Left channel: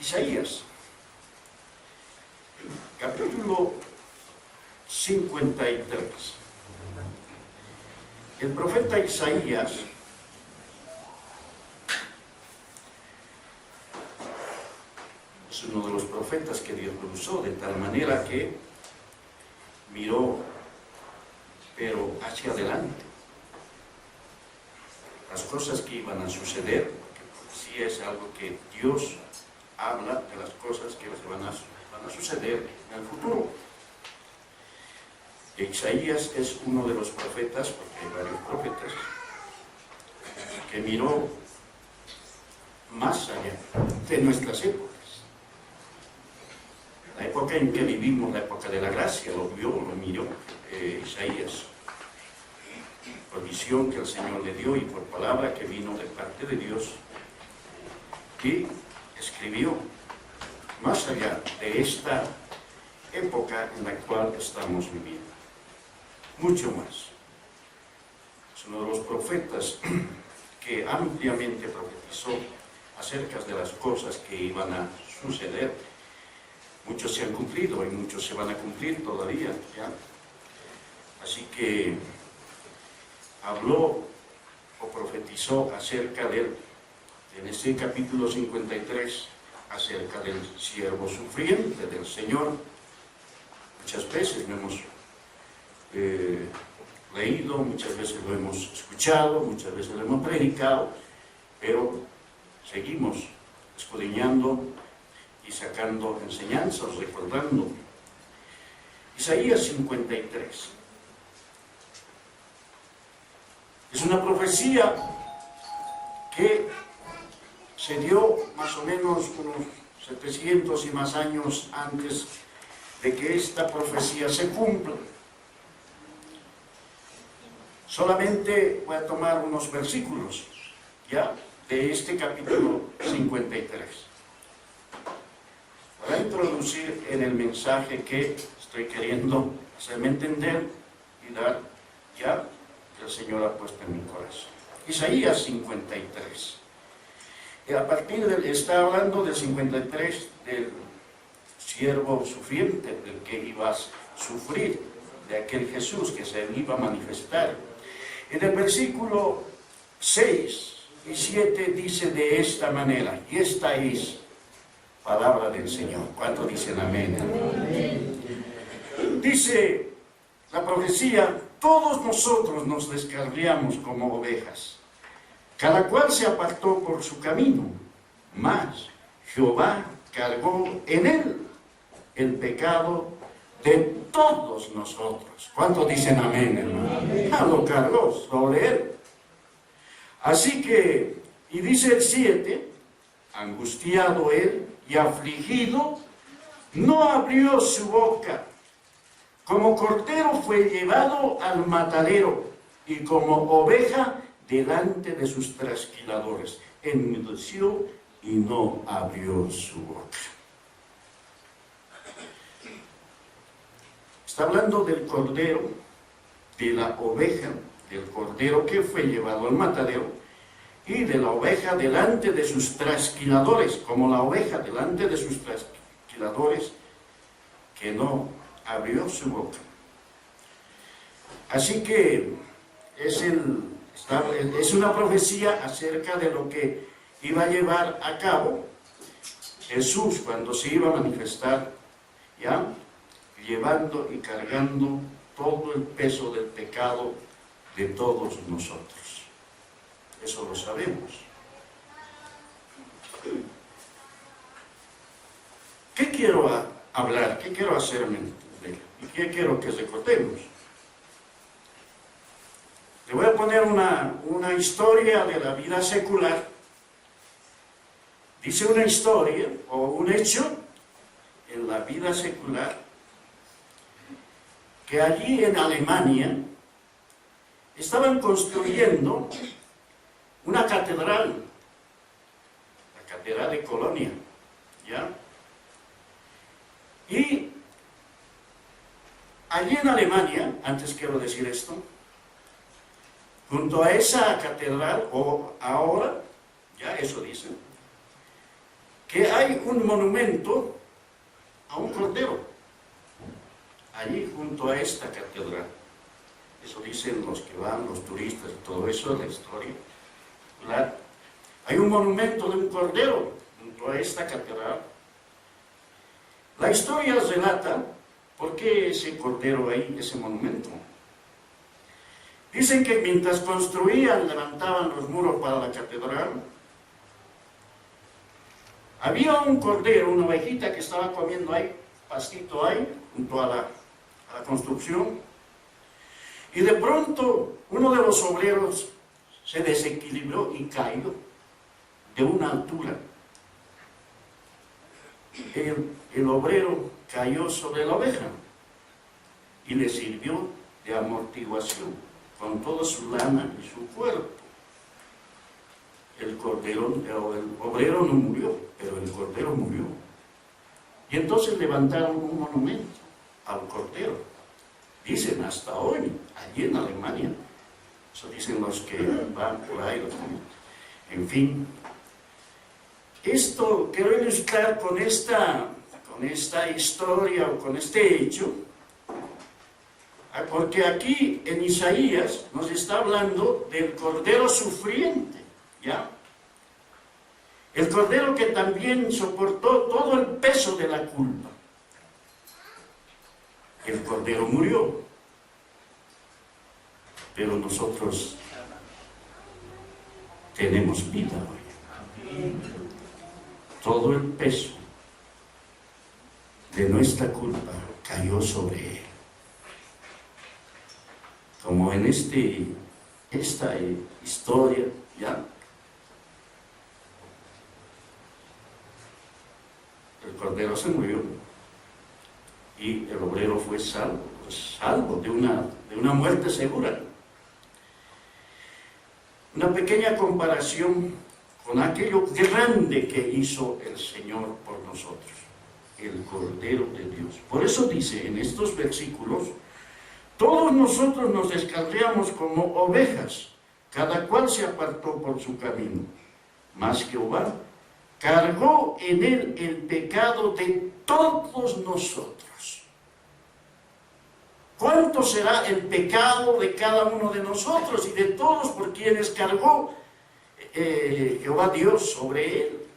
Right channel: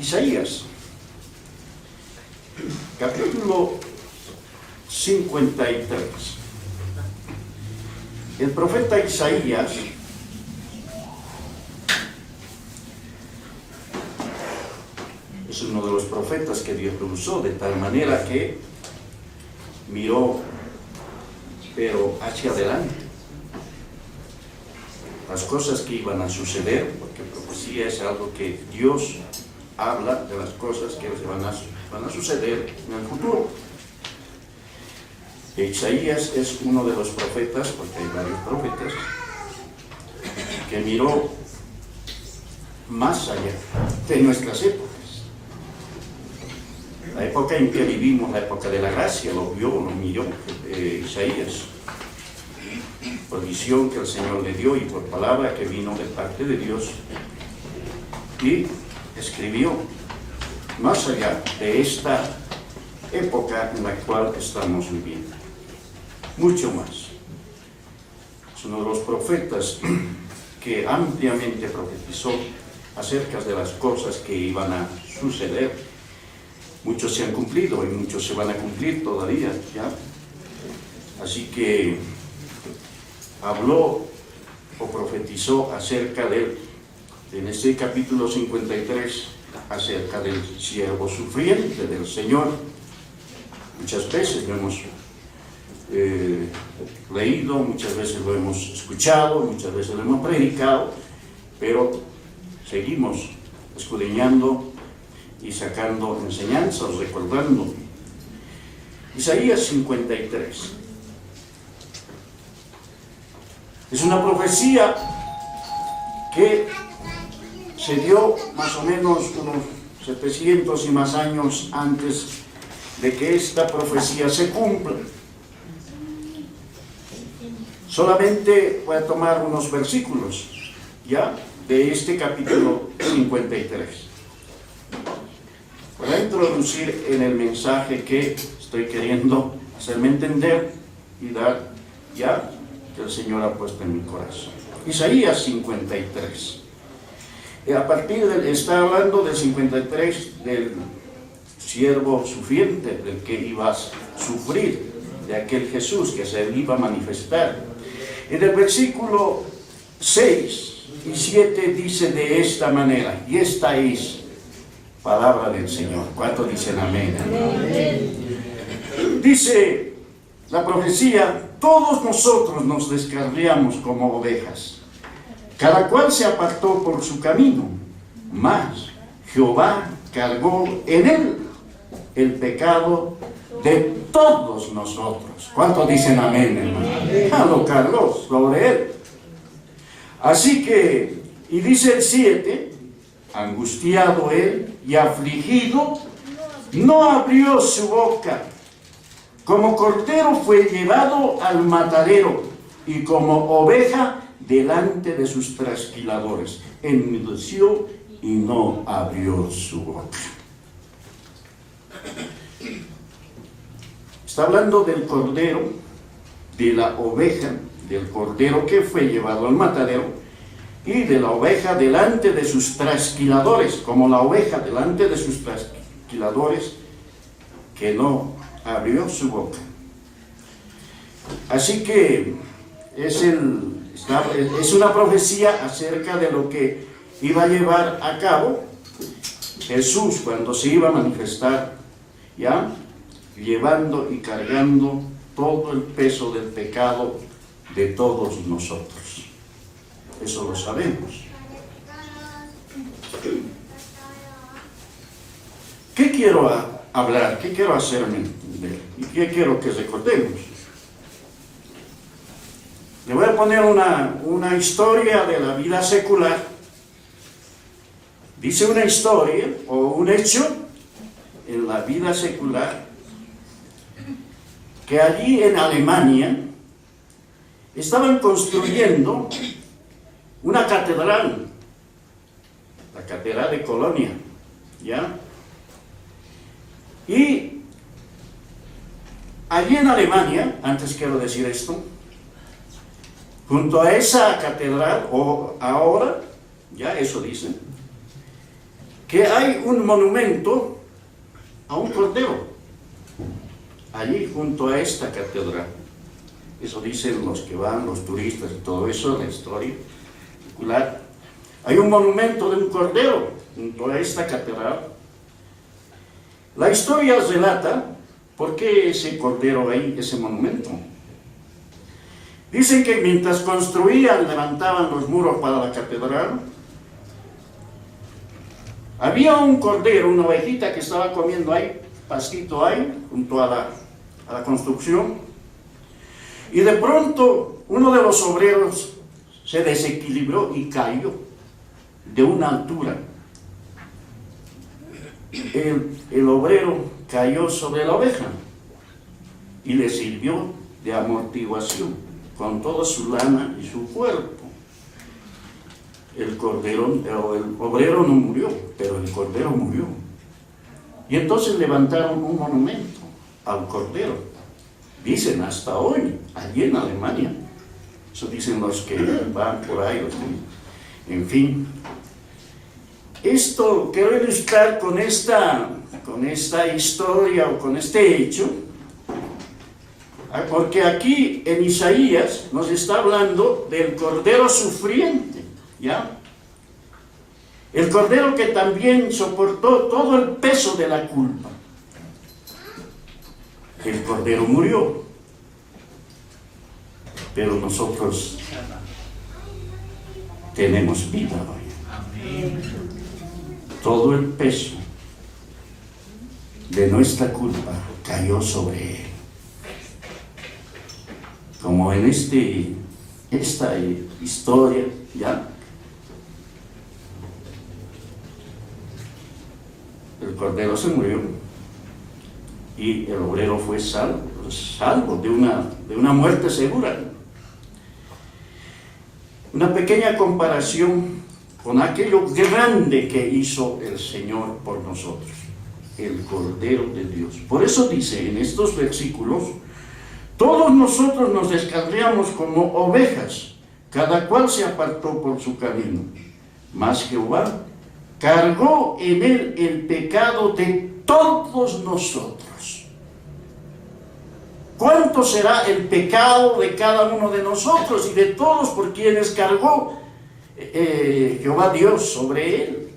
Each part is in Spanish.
Isaías, capítulo 53. El profeta Isaías es uno de los profetas que Dios lo usó de tal manera que miró, pero hacia adelante, las cosas que iban a suceder, porque profecía es algo que Dios habla de las cosas que van a suceder en el futuro. Isaías es uno de los profetas, porque hay varios profetas, que miró más allá de nuestras épocas. La época en que vivimos, la época de la gracia, lo miró Isaías, por visión que el Señor le dio y por palabra que vino de parte de Dios, y escribió más allá de esta época en la cual estamos viviendo. Mucho más. Es uno de los profetas que ampliamente profetizó acerca de las cosas que iban a suceder. Muchos se han cumplido y muchos se van a cumplir todavía, ¿ya? Así que habló o profetizó acerca de él, en este capítulo 53, acerca del siervo sufriente del Señor. Muchas veces lo hemos leído, muchas veces lo hemos escuchado, muchas veces lo hemos predicado, pero seguimos escudriñando y sacando enseñanzas, recordando. Isaías 53 es una profecía que se dio más o menos unos 700 y más años antes de que esta profecía se cumpla. Solamente voy a tomar unos versículos, ¿ya?, de este capítulo 53. Para introducir en el mensaje que estoy queriendo hacerme entender y dar, ya, que el Señor ha puesto en mi corazón. Isaías 53. Está hablando del 53, del siervo sufriente, del que iba a sufrir, de aquel Jesús que se iba a manifestar. En el versículo 6 y 7 dice de esta manera, y esta es palabra del Señor. ¿Cuántos dicen amén? Amén. Dice la profecía: todos nosotros nos descarriamos como ovejas, cada cual se apartó por su camino, mas Jehová cargó en él el pecado de todos nosotros. ¿Cuántos dicen amén, hermano? Lo cargó sobre él. Así que, y dice el 7, angustiado él y afligido, no abrió su boca. Como cordero fue llevado al matadero, y como oveja delante de sus trasquiladores. Enmudeció y no abrió su boca. Está hablando del cordero, de la oveja, del cordero que fue llevado al matadero, y de la oveja delante de sus trasquiladores, como la oveja delante de sus trasquiladores, que no abrió su boca. Así que es una profecía acerca de lo que iba a llevar a cabo Jesús cuando se iba a manifestar, ¿ya?, llevando y cargando todo el peso del pecado de todos nosotros. Eso lo sabemos. ¿Qué quiero hablar? ¿Qué quiero hacerme entender? ¿Y qué quiero que recordemos? Le voy a poner una historia de la vida secular. Dice una historia o un hecho en la vida secular que allí en Alemania estaban construyendo una catedral, la catedral de Colonia, ¿ya? Y allí en Alemania, antes quiero decir esto, junto a esa catedral, o ahora, ya eso dicen, que hay un monumento a un cordero allí junto a esta catedral. Eso dicen los que van, los turistas y todo eso, en la historia popular. Hay un monumento de un cordero junto a esta catedral. La historia relata por qué ese cordero ahí, ese monumento. Dicen que mientras construían, levantaban los muros para la catedral, había un cordero, una ovejita que estaba comiendo ahí, pastito ahí, junto a la construcción. Y de pronto uno de los obreros se desequilibró y cayó de una altura. El obrero cayó sobre la oveja y le sirvió de amortiguación con toda su lana y su cuerpo. El obrero no murió, pero el cordero murió. Y entonces levantaron un monumento al cordero. Dicen hasta hoy, allí en Alemania. Eso dicen los que van por ahí, en fin. Esto quiero ilustrar con esta historia o con este hecho, porque aquí en Isaías nos está hablando del cordero sufriente, ¿ya? El cordero que también soportó todo el peso de la culpa. El cordero murió, pero nosotros tenemos vida hoy. Todo el peso de nuestra culpa cayó sobre él. Como en esta historia, ¿ya? El cordero se murió y el obrero fue salvo de una muerte segura. Una pequeña comparación con aquello grande que hizo el Señor por nosotros, el Cordero de Dios. Por eso dice en estos versículos: todos nosotros nos descarriamos como ovejas, cada cual se apartó por su camino, mas Jehová cargó en él el pecado de todos nosotros. ¿Cuánto será el pecado de cada uno de nosotros y de todos por quienes cargó Jehová Dios sobre él?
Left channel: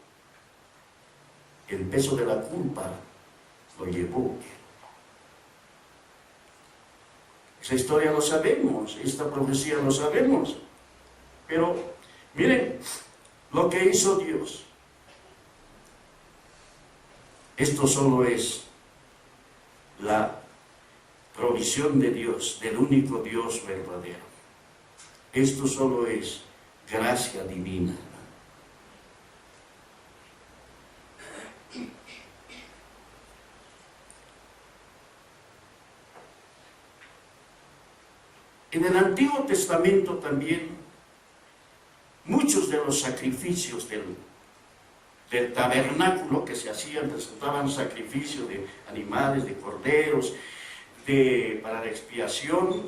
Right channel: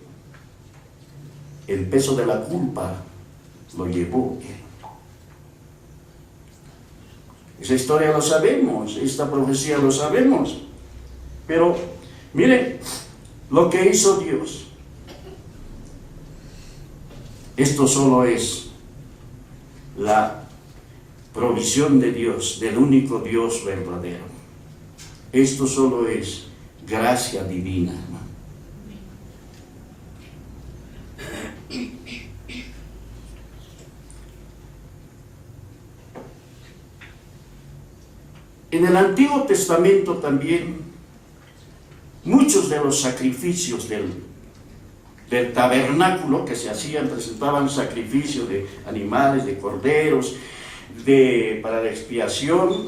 El peso de la culpa lo llevó él. Esa historia lo sabemos, esta profecía lo sabemos, pero miren lo que hizo Dios. Esto solo es la provisión de Dios, del único Dios verdadero. Esto solo es gracia divina, ¿no? En el Antiguo Testamento también muchos de los sacrificios del tabernáculo que se hacían, presentaban sacrificios de animales, de corderos, para la expiación,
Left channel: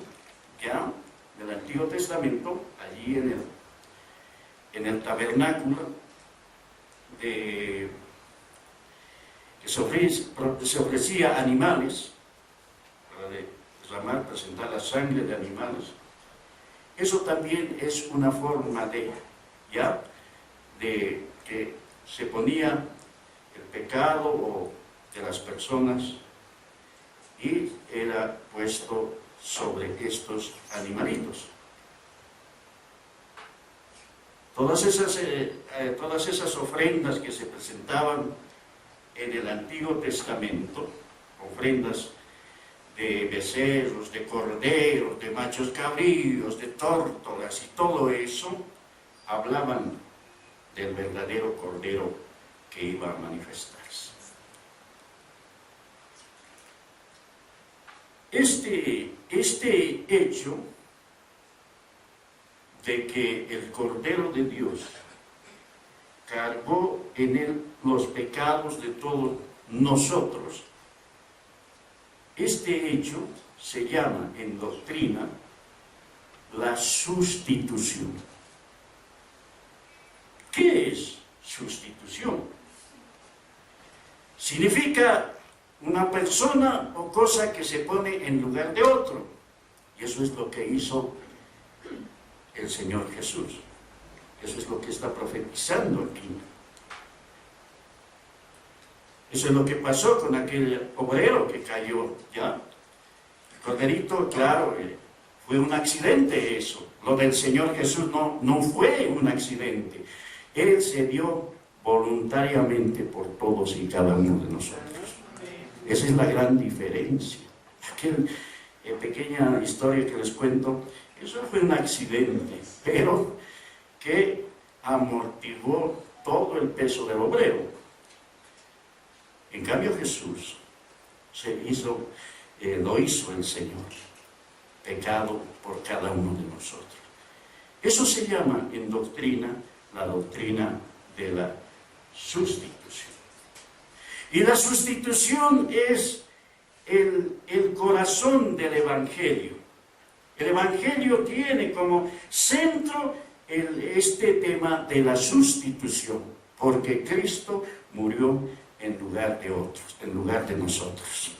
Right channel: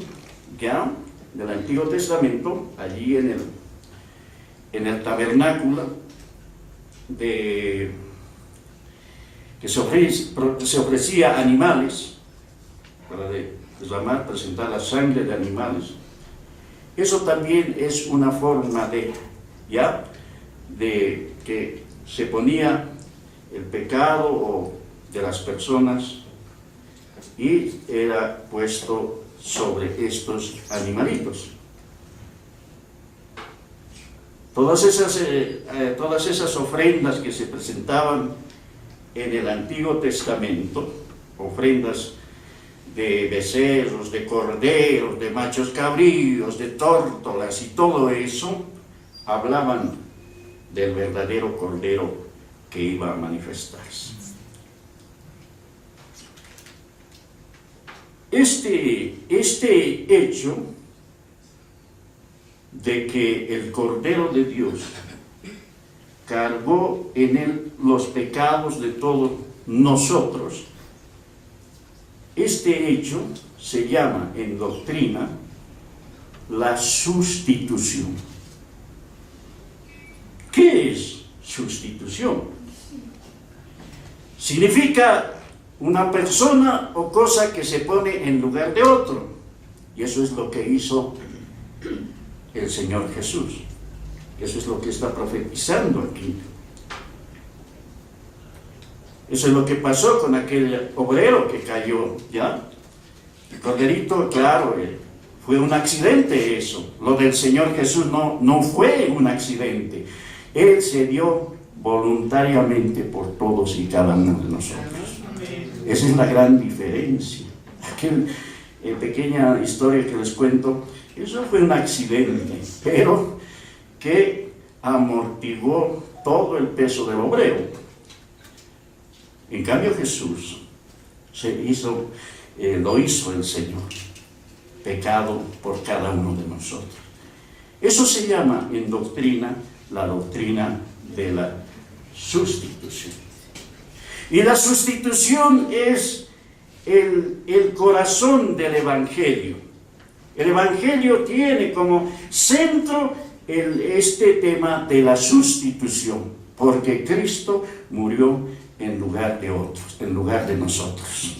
ya, del Antiguo Testamento, allí en el tabernáculo, que se ofrecía animales, para derramar, presentar la sangre de animales. Eso también es una forma de que se ponía el pecado de las personas y era puesto sobre estos animalitos. Todas esas ofrendas que se presentaban en el Antiguo Testamento, ofrendas de becerros, de corderos, de machos cabríos, de tórtolas y todo eso, hablaban del verdadero Cordero que iba a manifestarse. Este hecho de que el Cordero de Dios cargó en él los pecados de todos nosotros, este hecho se llama en doctrina la sustitución. ¿Qué es sustitución? significa una persona o cosa que se pone en lugar de otro. Y eso es lo que hizo el Señor Jesús. Eso es lo que está profetizando aquí. Eso es lo que pasó con aquel obrero que cayó, ¿ya? El corderito, claro, fue un accidente eso. Lo del Señor Jesús no fue un accidente. Él se dio voluntariamente por todos y cada uno de nosotros. Esa es la gran diferencia. Aquel pequeña historia que les cuento, eso fue un accidente, pero que amortiguó todo el peso del obrero. En cambio Jesús lo hizo el Señor, pecado por cada uno de nosotros. Eso se llama en doctrina la doctrina de la sustitución. Y la sustitución es el corazón del Evangelio. El Evangelio tiene como centro este tema de la sustitución, porque Cristo murió en lugar de otros, en lugar de nosotros,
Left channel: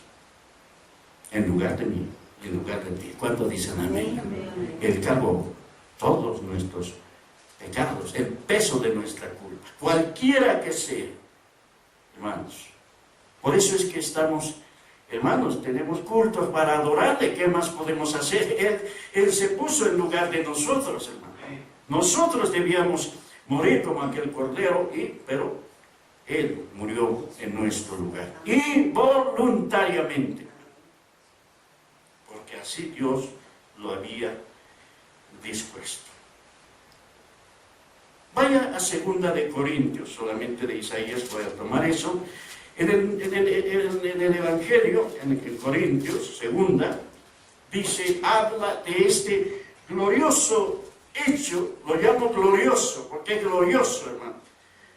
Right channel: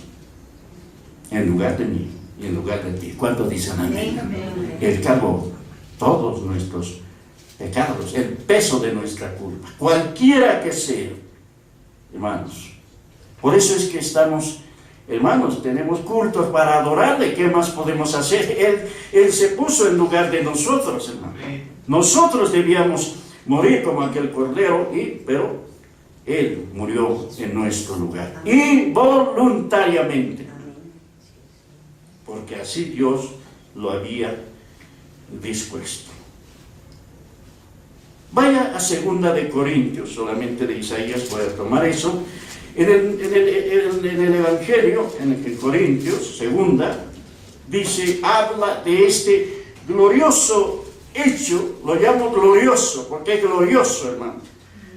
en lugar de mí y en lugar de ti. ¿Cuántos dicen amén? Él cargó todos nuestros pecados, el peso de nuestra culpa, cualquiera que sea, hermanos. Por eso es que estamos, hermanos, tenemos cultos para adorarle. ¿Qué más podemos hacer? Él se puso en lugar de nosotros, hermano. Nosotros debíamos morir como aquel cordero, pero Él murió en nuestro lugar. Y voluntariamente. Porque así Dios lo había dispuesto. Vaya a 2 de Corintios, solamente de Isaías voy a tomar eso. En el Evangelio, en Corintios, 2, dice, habla de este glorioso hecho, lo llamo glorioso, porque es glorioso, hermano.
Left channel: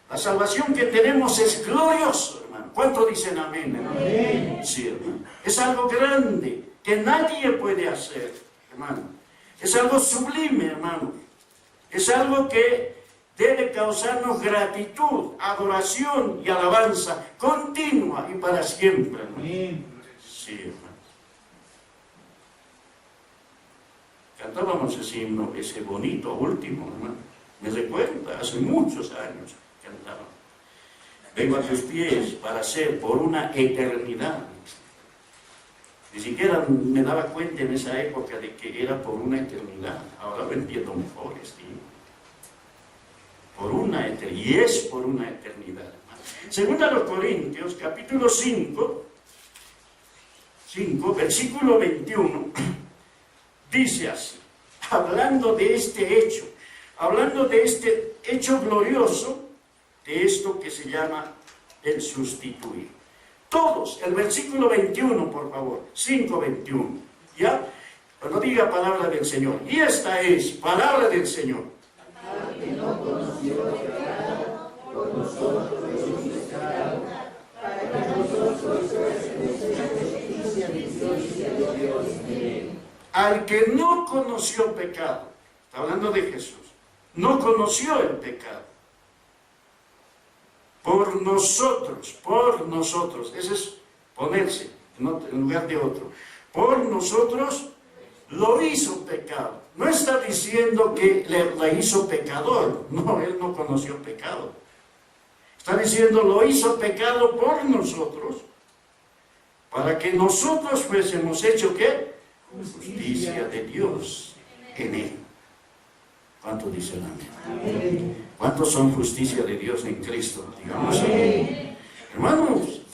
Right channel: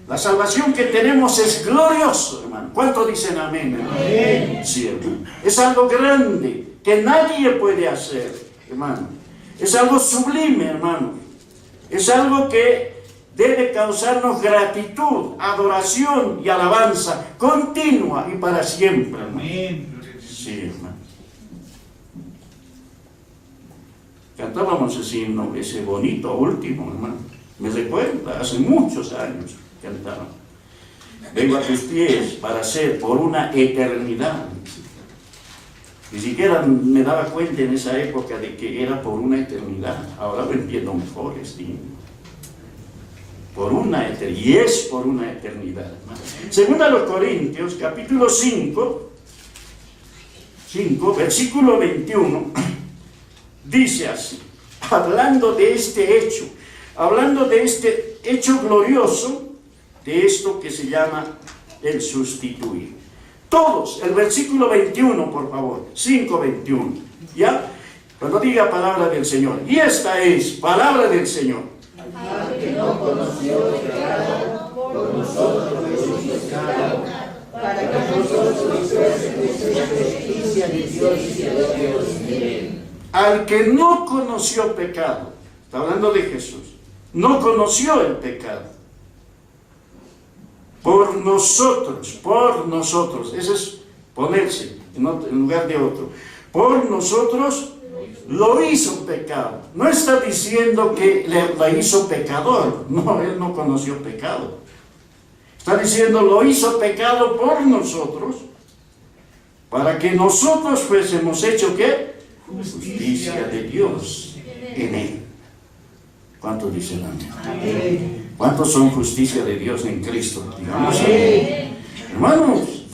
La salvación que tenemos es glorioso, hermano. ¿Cuántos dicen amén, hermano? Amén. Sí, hermano. Es algo grande, que nadie puede hacer, hermano. Es algo sublime, hermano. Es algo que debe causarnos gratitud, adoración y alabanza continua y para siempre, hermano. Sí, hermano. Cantábamos ese himno, ese bonito último, hermano. Me recuerda, hace muchos años cantaban. Vengo a tus pies para ser por una eternidad. Ni siquiera me daba cuenta en esa época de que era por una eternidad. Ahora lo entiendo mejor, este himno. Por una eternidad, y es por una eternidad, hermano. Segunda a los Corintios, capítulo 5, versículo 21, dice así, hablando de este hecho glorioso, de esto que se llama el sustituir. Todos, el versículo 21, por favor, 5:21, ¿ya? Cuando diga palabra del Señor, y esta es palabra del Señor. Al que no conoció pecado, por nosotros lo hizo pecado, para que nosotros fuésemos la justicia de Dios y de Dios. Al que no conoció pecado, está hablando de Jesús, no conoció el pecado. Por nosotros, ese es ponerse en lugar de otro. Por nosotros lo hizo pecado. No está diciendo que le hizo pecador. No, él no conoció pecado. Está diciendo lo hizo pecado por nosotros, para que nosotros fuésemos hechos ¿qué? Justicia de Dios en él. ¿Cuántos dicen amén? Amén. ¿Cuántos son justicia de Dios en Cristo? Digamos amén. Hermanos,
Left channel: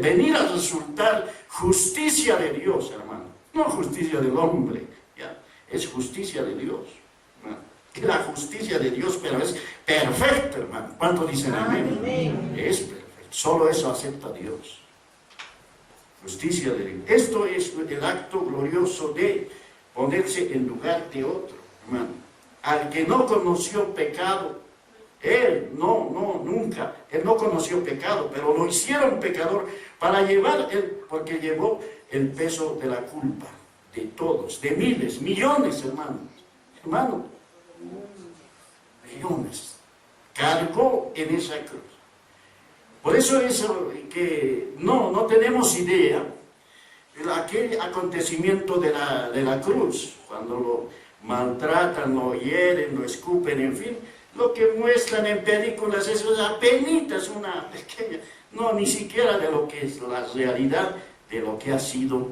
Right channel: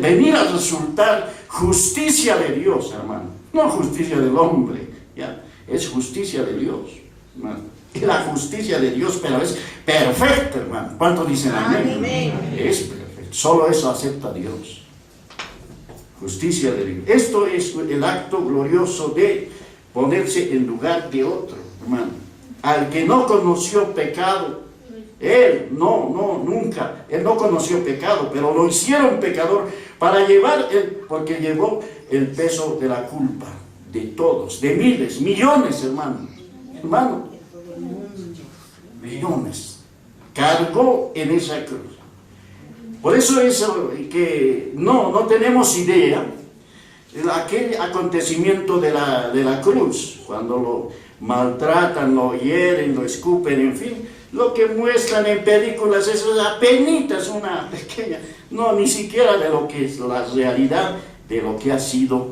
venir a resultar justicia de Dios, hermano. No justicia del hombre, ¿ya? Es justicia de Dios, hermano. Es la justicia de Dios, pero es perfecta, hermano. ¿Cuántos dicen amén? Amén? Es perfecto. Solo eso acepta Dios. Justicia de Dios. Esto es el acto glorioso de ponerse en lugar de otro, hermano. Al que no conoció pecado, él nunca, él no conoció pecado, pero lo hicieron pecador para porque llevó el peso de la culpa de todos, de miles, millones, hermano, millones, cargó en esa cruz. Por eso es que no tenemos idea de aquel acontecimiento de la cruz, cuando lo maltratan, lo hieren, lo escupen, en fin, lo que muestran en películas es apenitas una pequeña, no, ni siquiera de lo que es la realidad de lo que ha sido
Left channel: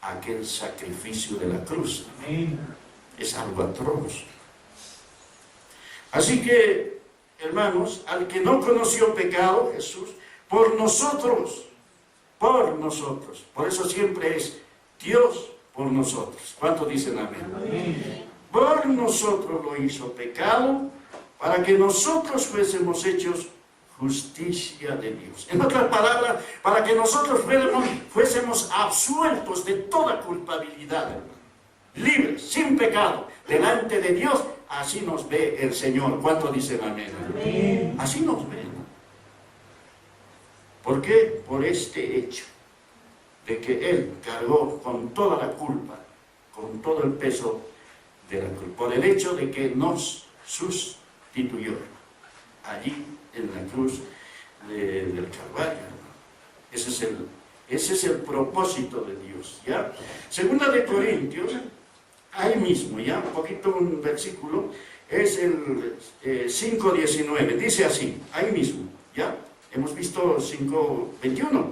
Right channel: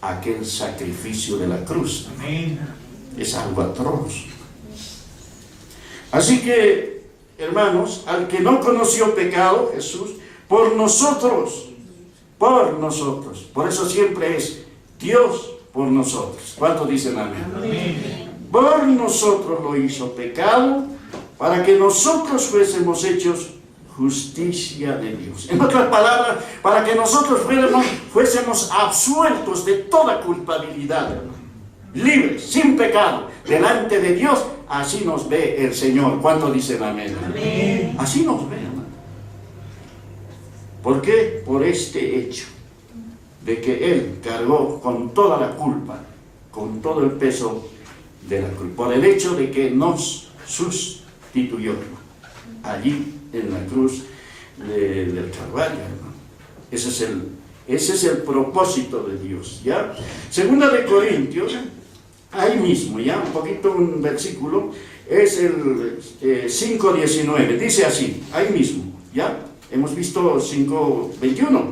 aquel sacrificio de la cruz. Es algo atroz. Así que, hermanos, al que no conoció pecado, Jesús, por nosotros, por eso siempre es Dios por nosotros. ¿Cuántos dicen amén? Por nosotros lo hizo pecado, para que nosotros fuésemos hechos justicia de Dios. En otras palabras, para que nosotros fuésemos absueltos de toda culpabilidad, hermano. Libres, sin pecado, delante de Dios. Así nos ve el Señor. ¿Cuántos dicen amén? Amén. Así nos ve, hermano. ¿Por qué? Por este hecho de que Él cargó con toda la culpa, con todo el peso de la culpa, por el hecho de que nos sustituyó, hermano, allí en la cruz del Calvario, hermano. Ese es el propósito de Dios, ¿ya? Segunda de Corintios, ahí mismo, ya, un poquito un versículo, es el 5:19, dice así, ahí mismo, ¿ya? Hemos visto 5:21,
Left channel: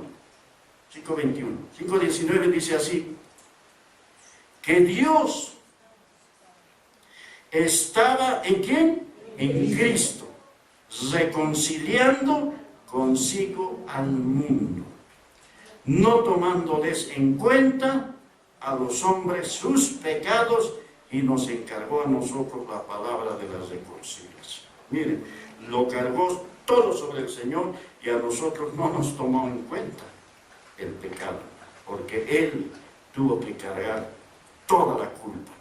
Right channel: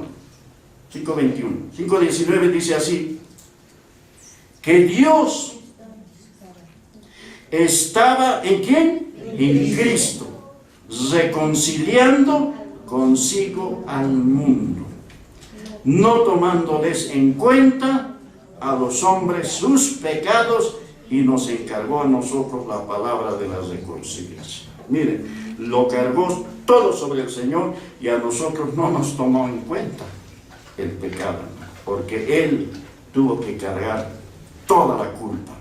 5:19 dice así, que Dios estaba, ¿en quién? En Cristo, reconciliando consigo al mundo, no tomándoles en cuenta a los hombres sus pecados, y nos encargó a nosotros la palabra de la reconciliación. Miren, lo cargó todo sobre el Señor, y a nosotros no nos tomó en cuenta el pecado, porque Él tuvo que cargar toda la culpa,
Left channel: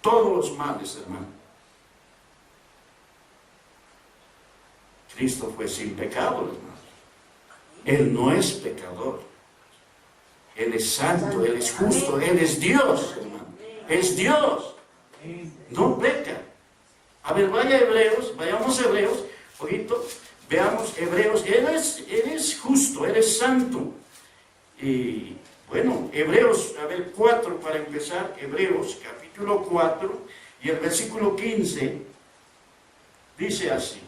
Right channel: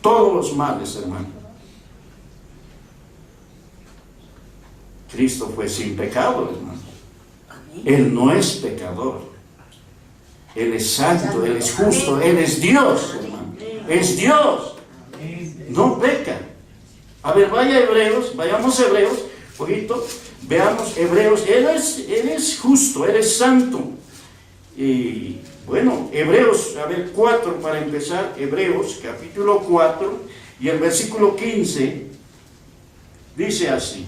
todos los males, hermano. Cristo fue sin pecado, hermano. Él no es pecador. Él es santo, Él es justo, Él es Dios, hermano. Es Dios. No peca. A ver, vayamos a Hebreos, poquito, veamos Hebreos. Él es justo, Él es santo. Y bueno, Hebreos, a ver, 4 para empezar, Hebreos, capítulo 4, y el versículo 15, dice así.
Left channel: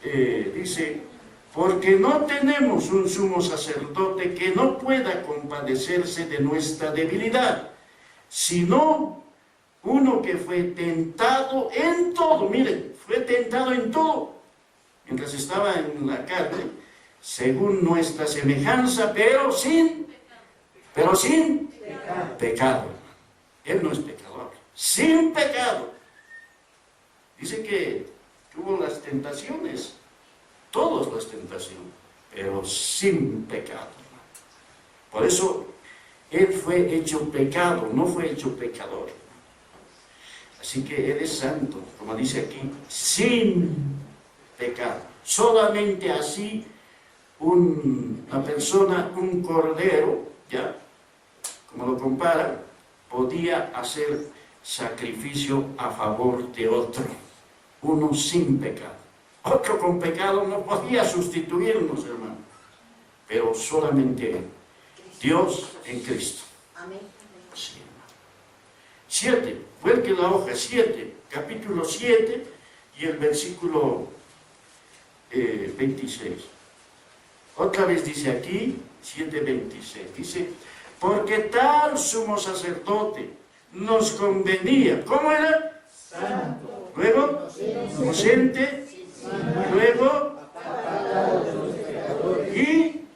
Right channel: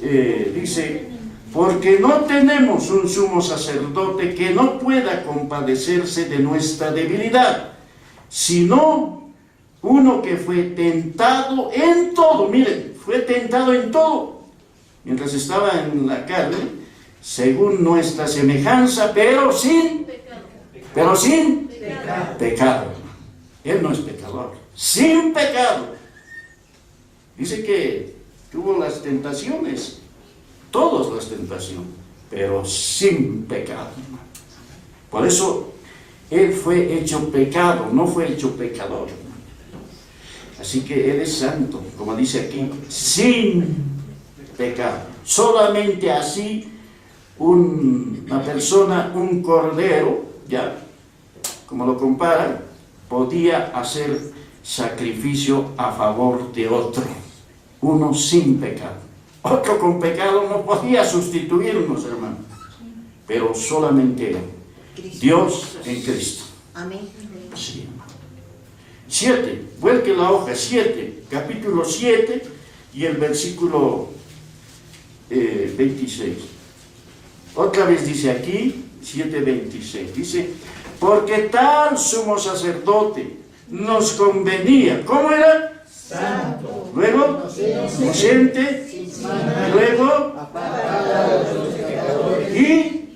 Dice, porque no tenemos un sumo sacerdote que no pueda compadecerse de nuestra debilidad, sino uno que fue tentado en todo. Miren, fue tentado en todo, mientras estaba en la carne, según nuestra semejanza, pero sin pecado. Él no es pecador, sin pecado. Dice que tuvo las tentaciones, todas las tentaciones, pero sin pecado. Por eso Él fue hecho pecado, no fue hecho pecador. Así que Él es santo, como dice aquí, sin pecado. Solamente así una persona, un cordero, ya, como lo comparan, podía hacer sacrificio a favor de otro. Uno sin pecado. Otro con pecado no podía sustituirnos, hermano. Pero solamente Él. Dios en Cristo. Amén. Sí, hermano. 7, vuelque la hoja, 7, capítulo 7 y el versículo 26. Otra vez dice aquí, 7:26, dice, porque tal sumo sacerdote nos convenía. ¿Cómo era? Santo. Luego, inocente. Luego, y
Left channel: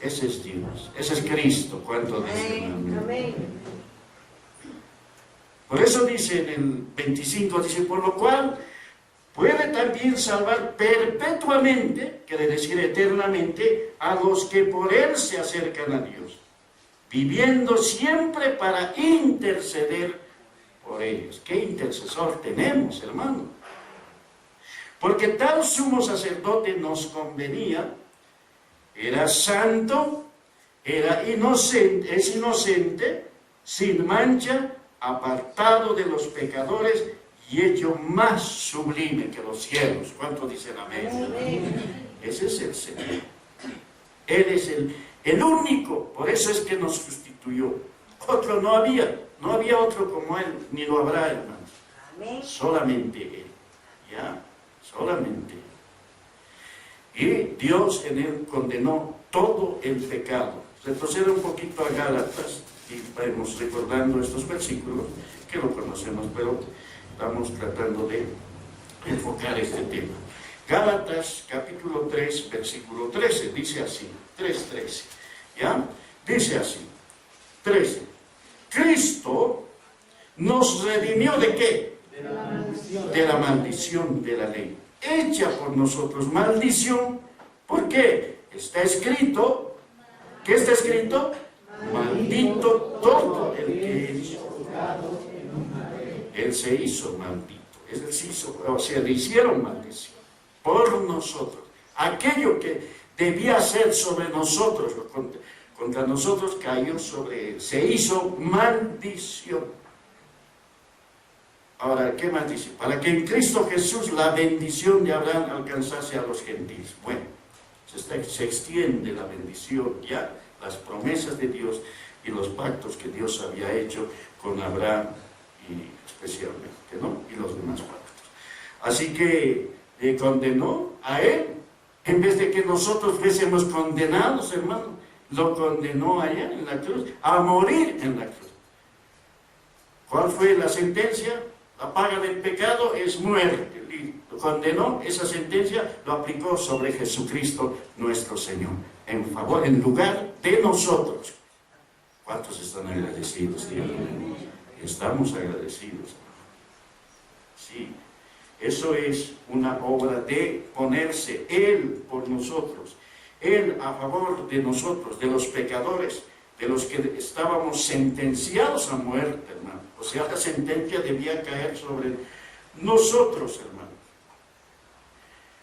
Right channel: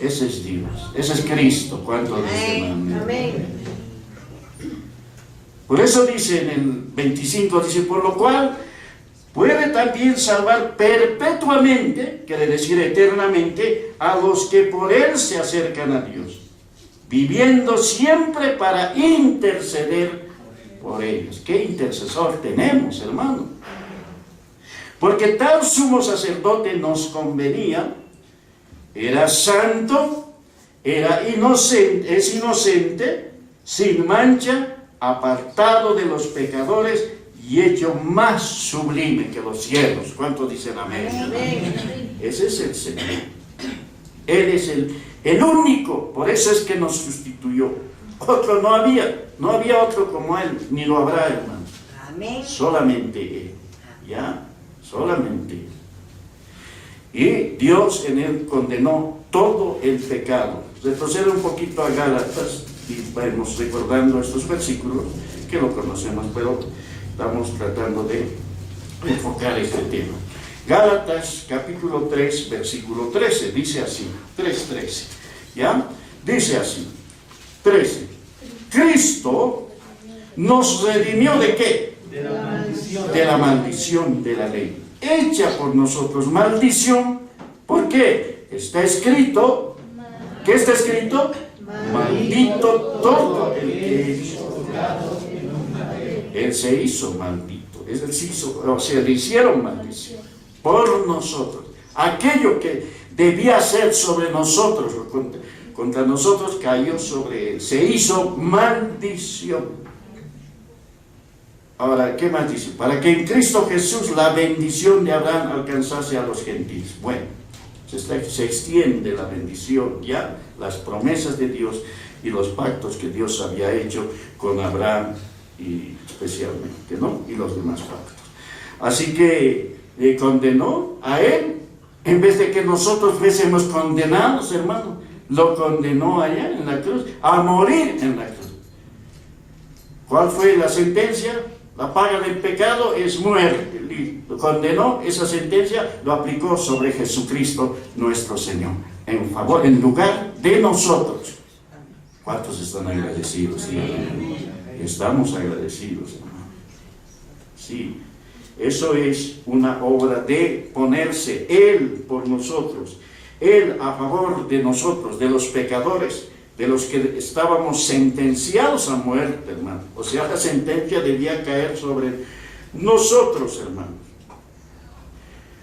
ese es Dios, ese es Cristo. ¿Cuánto dicen amén? Por eso dice en el 25, dice, por lo cual puede también salvar perpetuamente, quiere decir eternamente, a los que por Él se acercan a Dios, viviendo siempre para interceder por ellos. ¿Qué intercesor tenemos, hermano? Porque tal sumo sacerdote nos convenía, era santo, es inocente, sin mancha, apartado de los pecadores, y hecho más sublime que los cielos. ¿Cuántos dicen amén? Ese es el Señor. Él es el único, por eso es que nos sustituyó. Otro no había otro como Él, ni lo habrá, hermano. Amén. Solamente Él, ¿ya? Solamente Él. Y Dios en Él condenó todo el pecado. Retrocede un poquito a Gálatas y vamos recordando estos versículos que lo conocemos, pero estamos tratando de enfocar este tema. Gálatas capítulo 3, versículo 13, dice así, 3:13, ¿ya? Dice así, 13. Cristo nos redimió ¿de qué? De la maldición de la ley, hecha por nosotros maldición. ¿Por qué? Está escrito, ¿qué está escrito? Maldito todo el que hizo. Él se hizo maldito, él se hizo, o sea, le hicieron maldición por nosotros. Aquello que debía ser sobre nosotros, contra nosotros, cayó sobre él, se hizo maldición. Ahora, ¿qué más dice? Para que en Cristo Jesús la bendición de Abraham alcanzase a los gentiles. Bueno, se extiende la bendición, ya las promesas de Dios y los pactos que Dios había hecho con Abraham y especialmente, ¿no? Y los demás pactos. Así que le condenó a él, en vez de que nosotros fuésemos condenados, hermano, lo condenó allá en la cruz, a morir en la cruz. ¿Cuál fue la sentencia? La paga del pecado es muerte. Lo condenó, esa sentencia lo aplicó sobre Jesucristo nuestro Señor, en lugar de nosotros. ¿Cuántos están agradecidos? Sí, estamos agradecidos, hermano. Sí, eso es una obra de ponerse Él por nosotros, Él a favor de nosotros, de los pecadores, de los que estábamos sentenciados a muerte, hermano. O sea, la sentencia debía caer sobre nosotros, hermanos.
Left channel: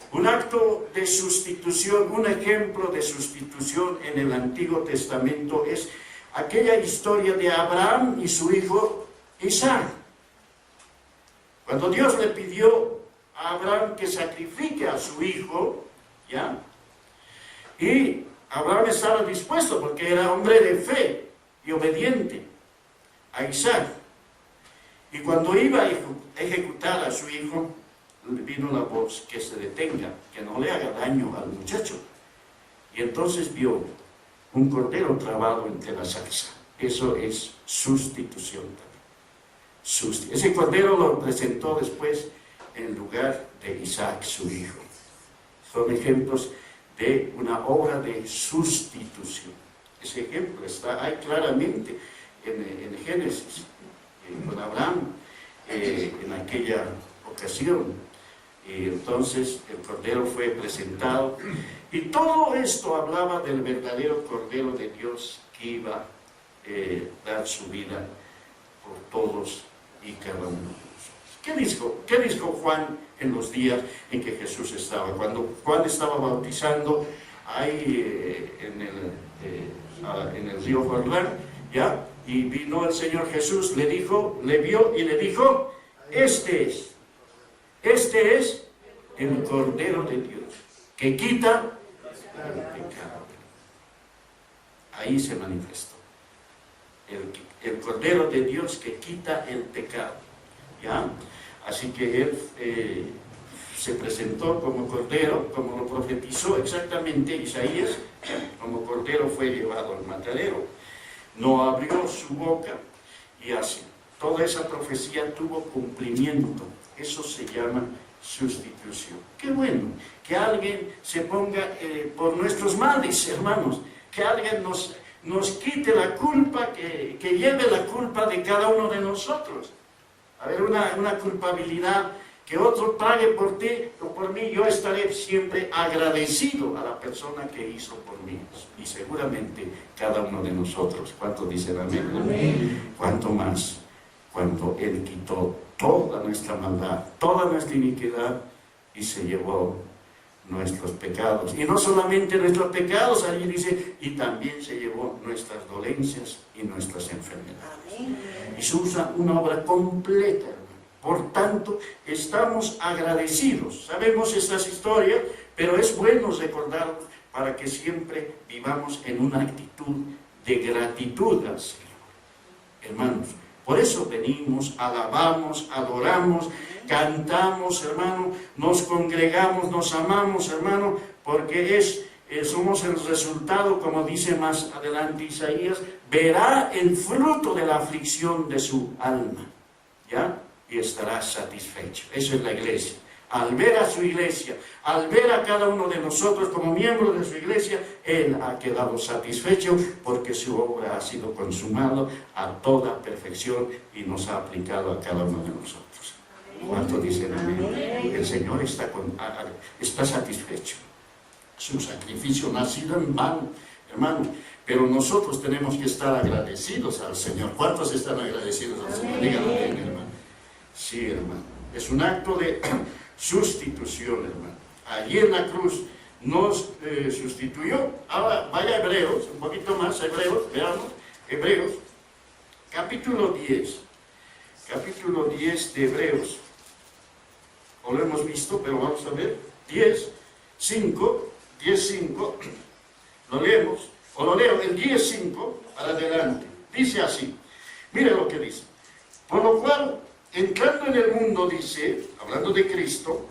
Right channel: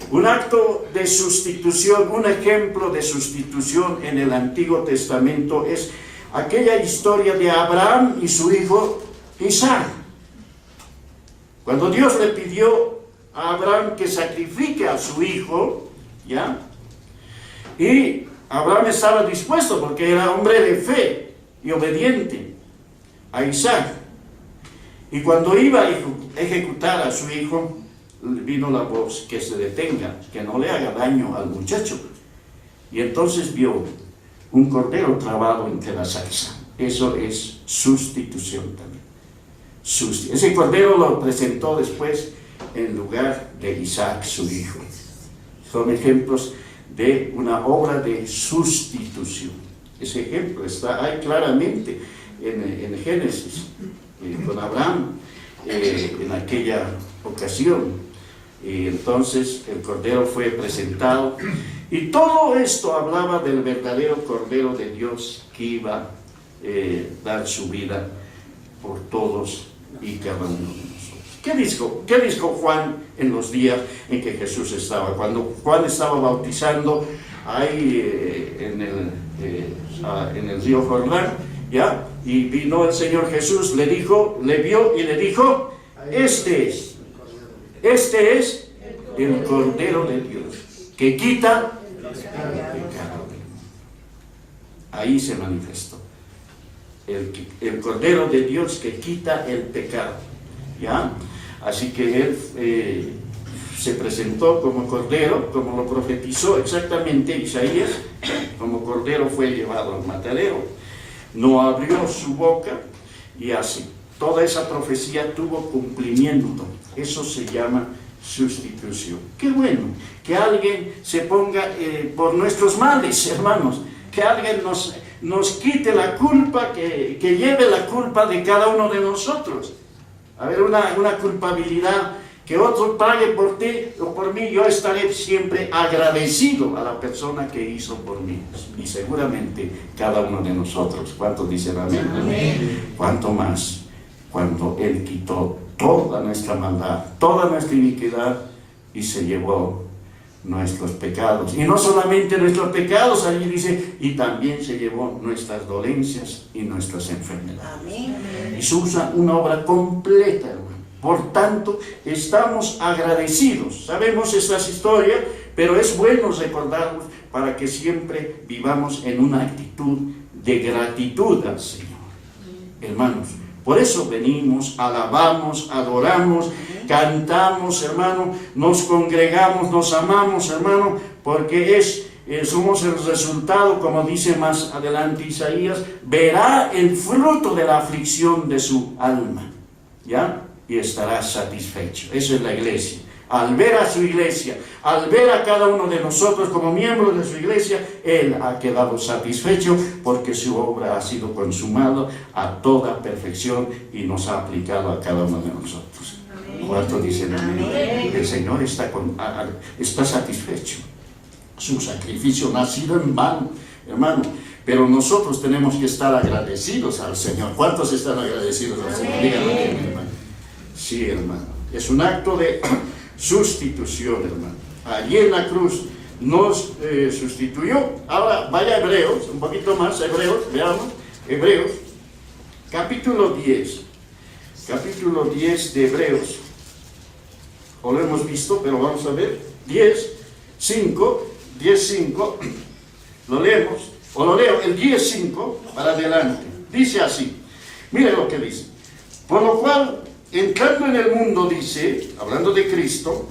Un acto de sustitución, un ejemplo de sustitución en el Antiguo Testamento es aquella historia de Abraham y su hijo Isaac. Cuando Dios le pidió a Abraham que sacrifique a su hijo, ¿ya? Y Abraham estaba dispuesto porque era hombre de fe y obediente a Isaac. Y cuando iba a ejecutar a su hijo, vino la voz que se detenga, que no le haga daño al muchacho. Y entonces vio un cordero trabado entre la zarza. Eso es sustitución también. Ese cordero lo presentó después en lugar de Isaac, su hijo. Son ejemplos de una obra de sustitución. Ese ejemplo está ahí claramente en Génesis, con Abraham, en aquella ocasión. Y entonces el cordero fue presentado, y todo esto hablaba del verdadero Cordero de Dios que iba a dar su vida por todos y cada uno de nosotros. ¿Qué dijo Juan en los días en que Jesús estaba? Cuando Juan estaba bautizando ahí en el río Jordán, ¿ya? Y vino el Señor Jesús, le vio y le dijo, este es el Cordero de Dios, que quita el pecado del mundo. Ahí se manifestó. El Cordero de Dios que quita el pecado, ¿ya? Así que Él se presentó como Cordero, como lo profetizó exactamente Isaías, como Cordero fue llevado al matadero, no abrió su boca, y así. Toda esa profecía tuvo cumplimiento. Eso se llama sustitución. Qué bueno que alguien se ponga por nuestros males, hermanos, que alguien nos quite la culpa, que lleve la culpa de cada uno de nosotros. A ver, una culpabilidad, que otro pague por ti o por mí. Yo estaré siempre agradecido a la persona que hizo por mí, y seguramente cada uno de nosotros. ¿Cuántos dicen amén? Amén. ¿Cuánto más cuando Él quitó toda nuestra maldad, toda nuestra iniquidad, y se llevó nuestros pecados? Y no solamente nuestros pecados, allí dice, y también se llevó nuestras dolencias y nuestras enfermedades. Amén. Y se usa una obra completa, hermano. Por tanto, estamos agradecidos. Sabemos estas historias, pero es bueno recordarlos para que siempre vivamos en una actitud de gratitud al Señor. Hermanos, por eso venimos, alabamos, adoramos, cantamos, hermano, nos congregamos, nos amamos, hermano, porque somos el resultado, como dice más adelante Isaías, verá el fruto de la aflicción de su alma, ¿ya? Y estará satisfecho. Eso es la iglesia. Al ver a su iglesia, al ver a cada uno de nosotros como miembros de su iglesia, Él ha quedado satisfecho porque su obra ha sido consumada a toda perfección y nos ha aplicado a cada uno de nosotros. ¿Cuántos dicen amén? El Señor está satisfecho. Su sacrificio no ha sido en vano, hermano. Pero nosotros tenemos que estar agradecidos al Señor. ¿Cuántos están agradecidos al Señor? Díganlo bien, hermano. Sí, hermano. Es un acto de sustitución, hermano. Allí en la cruz nos sustituyó. Ahora vaya a Hebreos, un poquito más, Hebreos, veamos. Hebreos, capítulo 10. Capítulo 10 de Hebreos. O lo hemos visto, pero vamos a ver. 10:5. Lo leemos, o lo leo, el 10:5 para adelante. Dice así, mire lo que dice. Por lo cual, entrando en el mundo, dice, hablando de Cristo,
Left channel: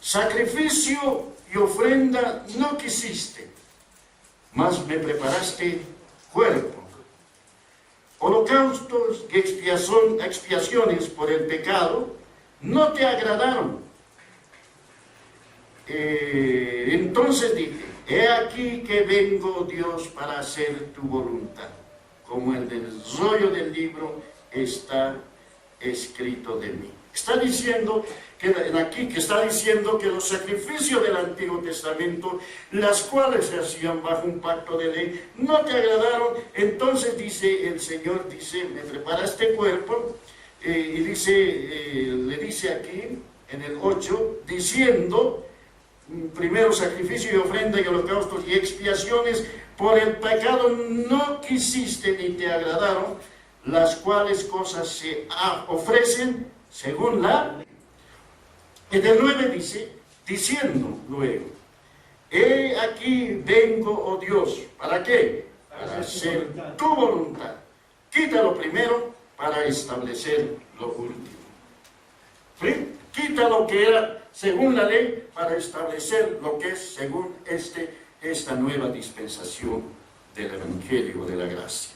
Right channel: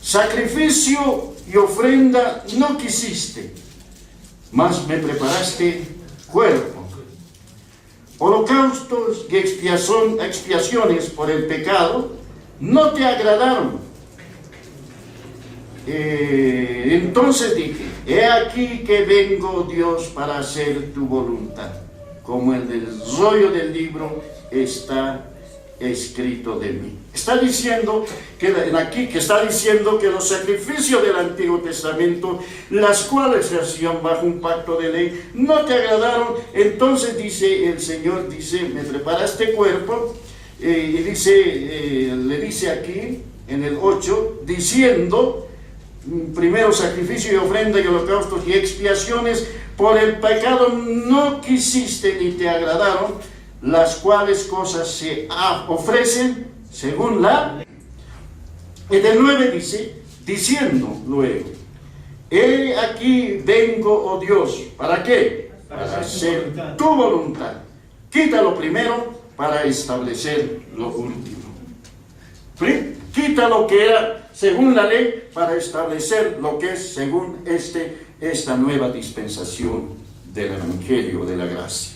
sacrificio y ofrenda no quisiste, mas me preparaste cuerpo. Holocaustos y expiaciones por el pecado no te agradaron. Entonces dije, he aquí que vengo, Dios, para hacer tu voluntad, como en el rollo del libro está escrito de mí. Está diciendo que los sacrificios del Antiguo Testamento, las cuales se hacían bajo un pacto de ley, no te agradaron. Entonces dice el Señor, dice, me preparaste cuerpo, y dice, le dice aquí en el 8, diciendo, primero sacrificio y ofrenda y holocaustos y expiaciones por el pecado no quisiste ni te agradaron, las cuales cosas se ofrecen según la... En el 9 dice, diciendo luego, he aquí vengo, oh Dios, ¿para qué? Para hacer tu voluntad. Quita lo primero para establecer lo último. Quita lo que era según la ley para establecer lo que es según esta nueva dispensación del Evangelio de la gracia.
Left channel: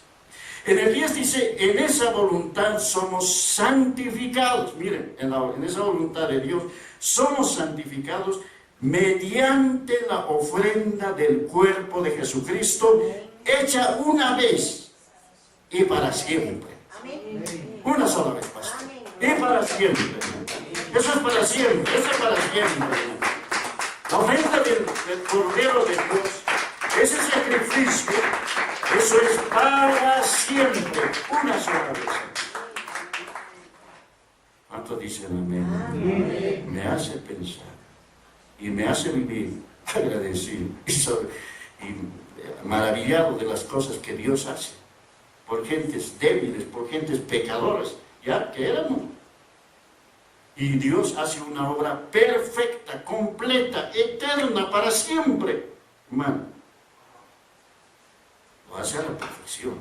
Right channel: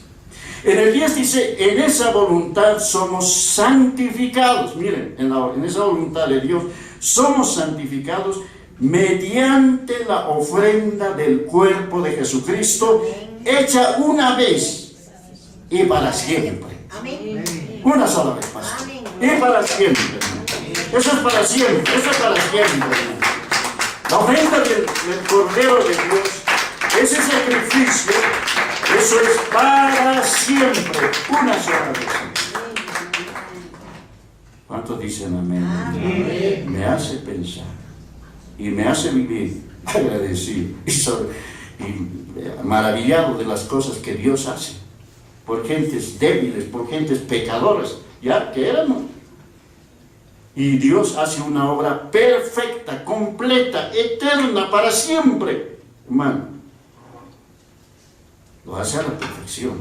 En el 10 dice, en esa voluntad somos santificados. Miren, en esa voluntad de Dios somos santificados mediante la ofrenda del cuerpo de Jesucristo, hecha una vez y para siempre. Una sola vez, pastor. Y para siempre, hermano. Eso es para siempre, eso es para siempre, hermano. La ofrenda del Cordero de Dios, ese sacrificio, eso es para siempre, una sola vez. ¿Cuántos dicen amén? Amén? Me hace pensar y me hace vivir agradecido y maravillado de las cosas que Dios hace por gentes débiles, por gentes pecadoras, ya que éramos. Y Dios hace una obra perfecta, completa, eterna, para siempre, hermano. Lo hace a la perfección.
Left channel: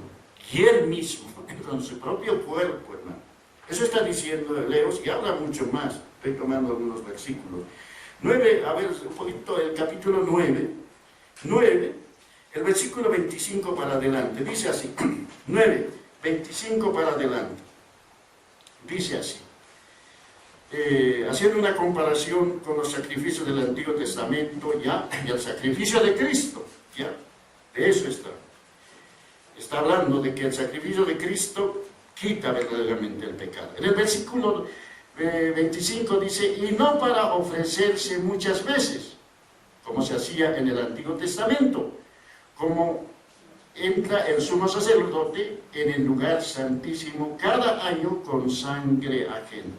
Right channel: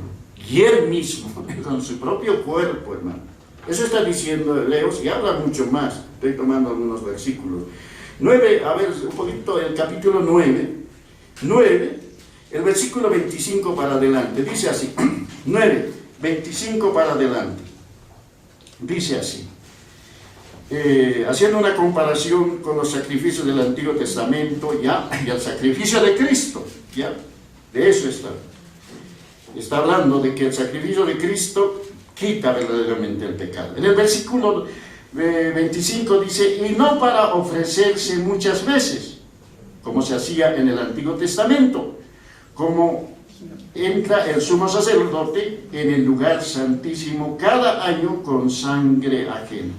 Y Él mismo, con su propio cuerpo, hermano. Eso está diciendo Hebreos y habla mucho más. Estoy tomando algunos versículos. 9, a ver, un poquito, el capítulo 9, el versículo 25 para adelante. Dice así, 9, 25 para adelante. Dice así. Haciendo una comparación con los sacrificios del Antiguo Testamento, ya, y el sacrificio de Cristo, ya, de eso está hablando de que el sacrificio de Cristo quita verdaderamente el pecado. En el versículo 25 dice, y no para ofrecerse muchas veces, como se hacía en el Antiguo Testamento, como entra el sumo sacerdote en el lugar santísimo cada año con sangre ajena.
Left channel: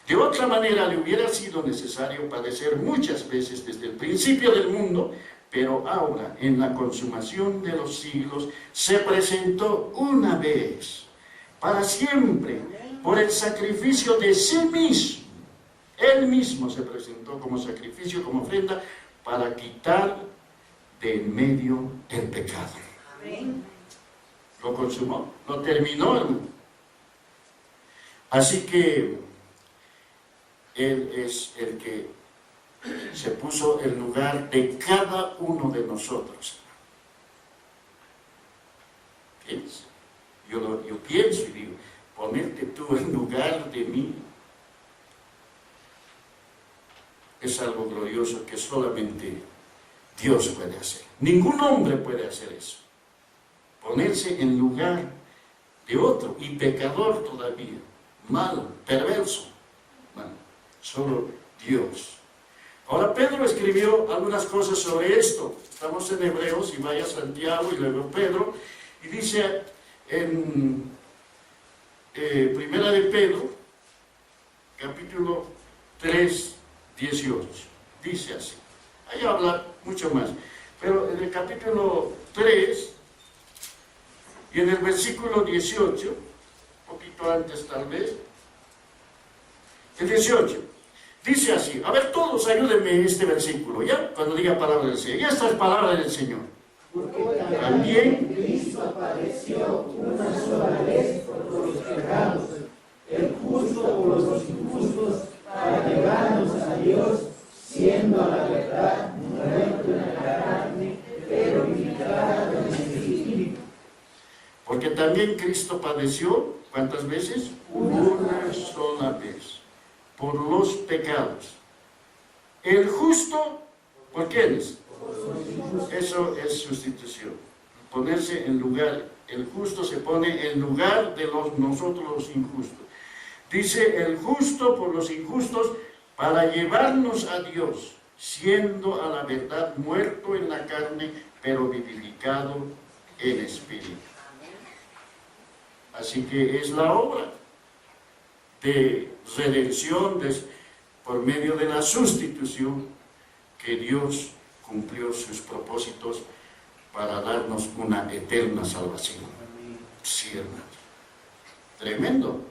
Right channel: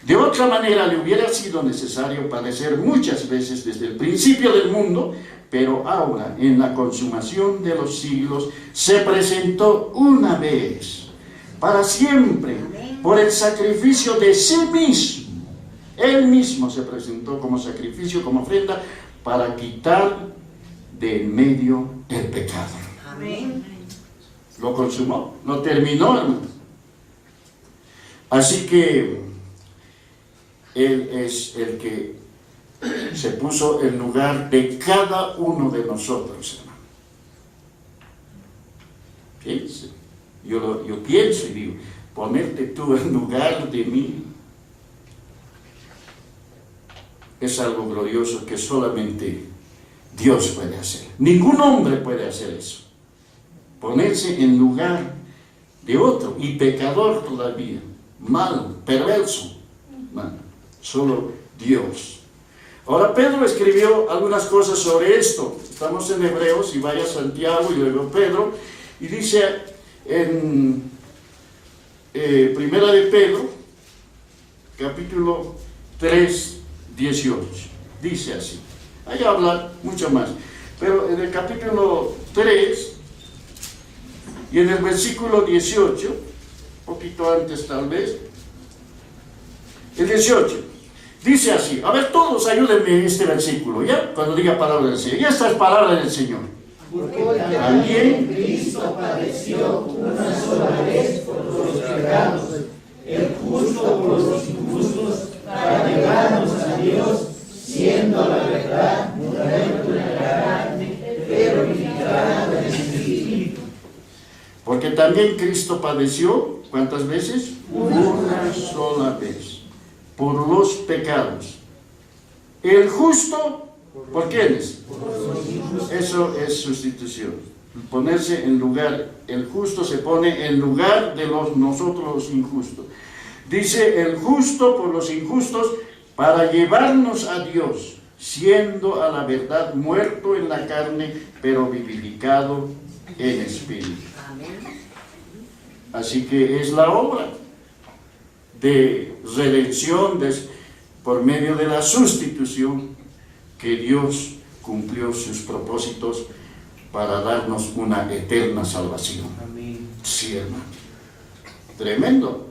De otra manera le hubiera sido necesario padecer muchas veces desde el principio del mundo, pero ahora en la consumación de los siglos se presentó una vez para siempre, por el sacrificio de sí mismo. Él mismo se presentó como sacrificio, como ofrenda, para quitar de en medio el pecado. Amén. Lo consumó, lo terminó, hermano. Así que Él es el que se puso en lugar de cada uno de nosotros, hermano. Piense. Yo pienso y digo, ponerte tú en lugar de mí es algo glorioso que solamente Dios puede hacer. Ningún hombre puede hacer eso. Ponerse en lugar de otro, y pecador todavía, malo, perverso. Bueno, solo Dios. Ahora Pedro escribió algunas cosas sobre esto. Estamos en Hebreos, y vaya Santiago y luego Pedro, y dice en Primera de Pedro, capítulo 3, 18, dice así. Ahí habla mucho más, pero en el capítulo 3 y en el versículo 18, un poquito antes tal vez, el 18, dice así. A ver, todos ayúdenme en este versículo, ¿ya? Cuando diga palabra del Señor. Ya esta es palabra del Señor. Porque También Cristo padeció una sola vez por los pecados, el justo por los injustos, para llevarnos a Dios, siendo la verdad muerto en la carne, pero vivificado en el Espíritu. porque también Cristo padeció, ¿cuántas veces? Una sola vez, por los pecados. El justo, ¿por quiénes? Eso es sustitución. Ponerse en lugar, el justo se pone en lugar de nosotros los injustos. Dice, el justo por los injustos, para llevarnos a Dios, siendo a la verdad muerto en la carne, pero vivificado en espíritu. Así que es la obra de redención por medio de la sustitución que Dios cumplió sus propósitos para darnos una eterna salvación. Sí, hermano. Tremendo.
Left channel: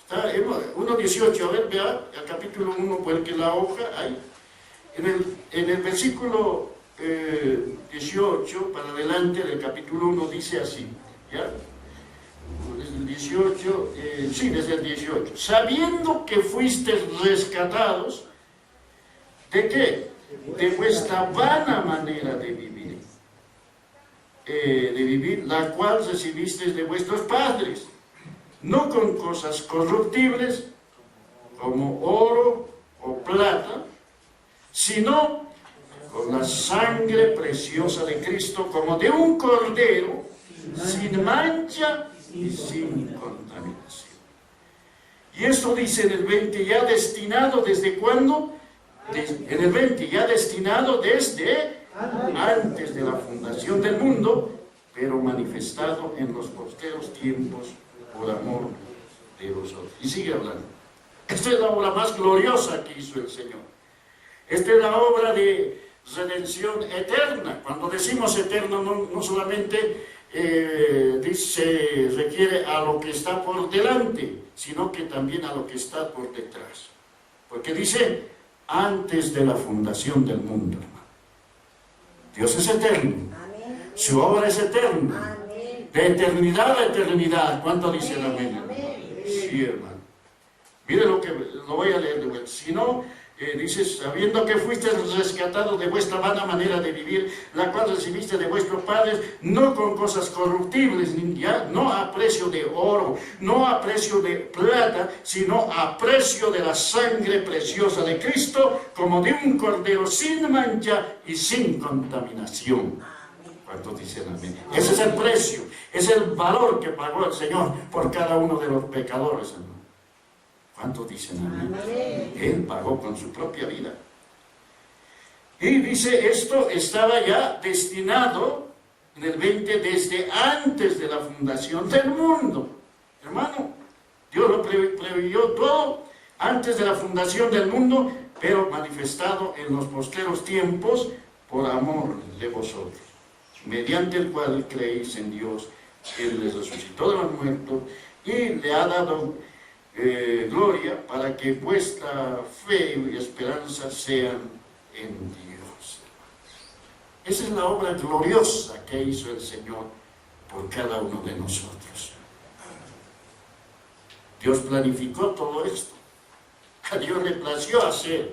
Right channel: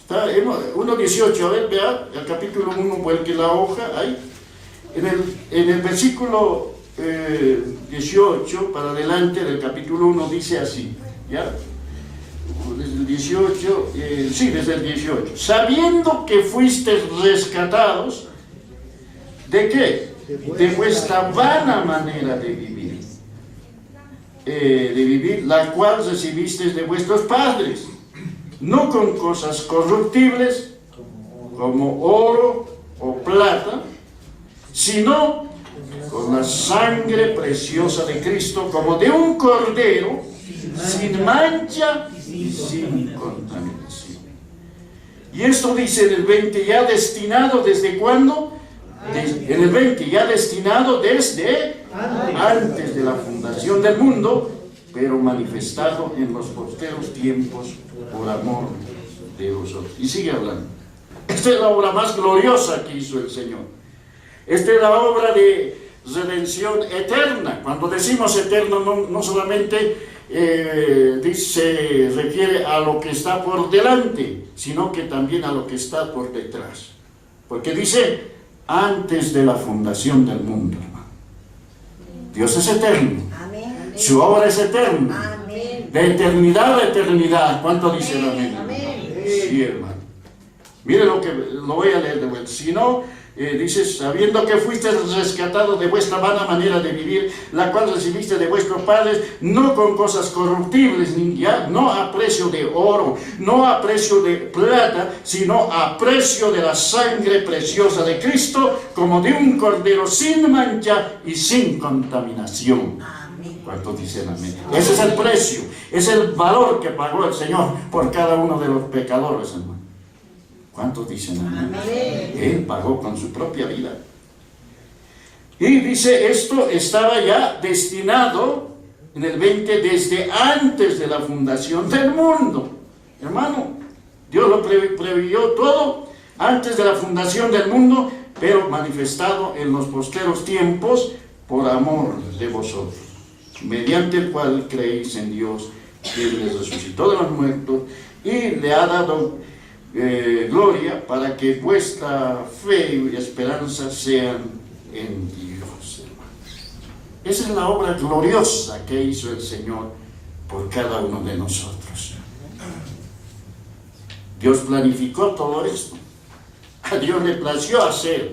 Está 1.18, a ver, vea, el capítulo 1, vuelque la hoja, ahí. En el versículo 18, para adelante del capítulo 1, dice así, ¿ya? Desde el 18, desde el 18. Sabiendo que fuisteis rescatados, ¿de qué? De vuestra vana manera de vivir, la cual recibisteis de vuestros padres, no con cosas corruptibles, como oro o plata, sino con la sangre preciosa de Cristo, como de un cordero, sin mancha y sin contaminación. Y esto dice en el 20, ya destinado ¿desde cuándo? En el 20, ya destinado desde antes de la fundación del mundo, pero manifestado en los posteros tiempos por amor de vosotros. Y sigue hablando. Esta es la obra más gloriosa que hizo el Señor. Esta es la obra de redención eterna. Cuando decimos eterna, no solamente se refiere a lo que está por delante, sino que también a lo que está por detrás. Porque dice, antes de la fundación del mundo, hermano. Dios es eterno. Amén. Su obra es eterna. Amén. De eternidad a eternidad. ¿Cuánto dicen amén, hermano? Sí, hermano. Mire lo voy a leer de vuelta. Si no, dice, sabiendo que fuiste rescatado de vuestra vana manera de vivir, la cual recibiste de vuestros padres, no con cosas corruptibles, no a precio de oro, no a precio de plata, sino a precio de la sangre preciosa de Cristo, como de un cordero sin mancha y sin contaminación. ¿Cuántos dicen amén? Ese es el precio, es el valor que pagó el Señor por cada uno de los pecadores, hermano. ¿Cuántos dicen amén? Él pagó con su propia vida. Y dice, esto estaba ya destinado, en el 20, desde antes de la fundación del mundo. Hermano, Dios lo previó todo antes de la fundación del mundo, pero manifestado en los posteros tiempos por amor de vosotros, mediante el cual creéis en Dios, Él les resucitó de los muertos y le ha dado gloria para que vuestra fe y esperanza sean en Dios, hermano. Esa es la obra gloriosa que hizo el Señor por cada uno de nosotros. Dios planificó todo esto. A Dios le plació hacer.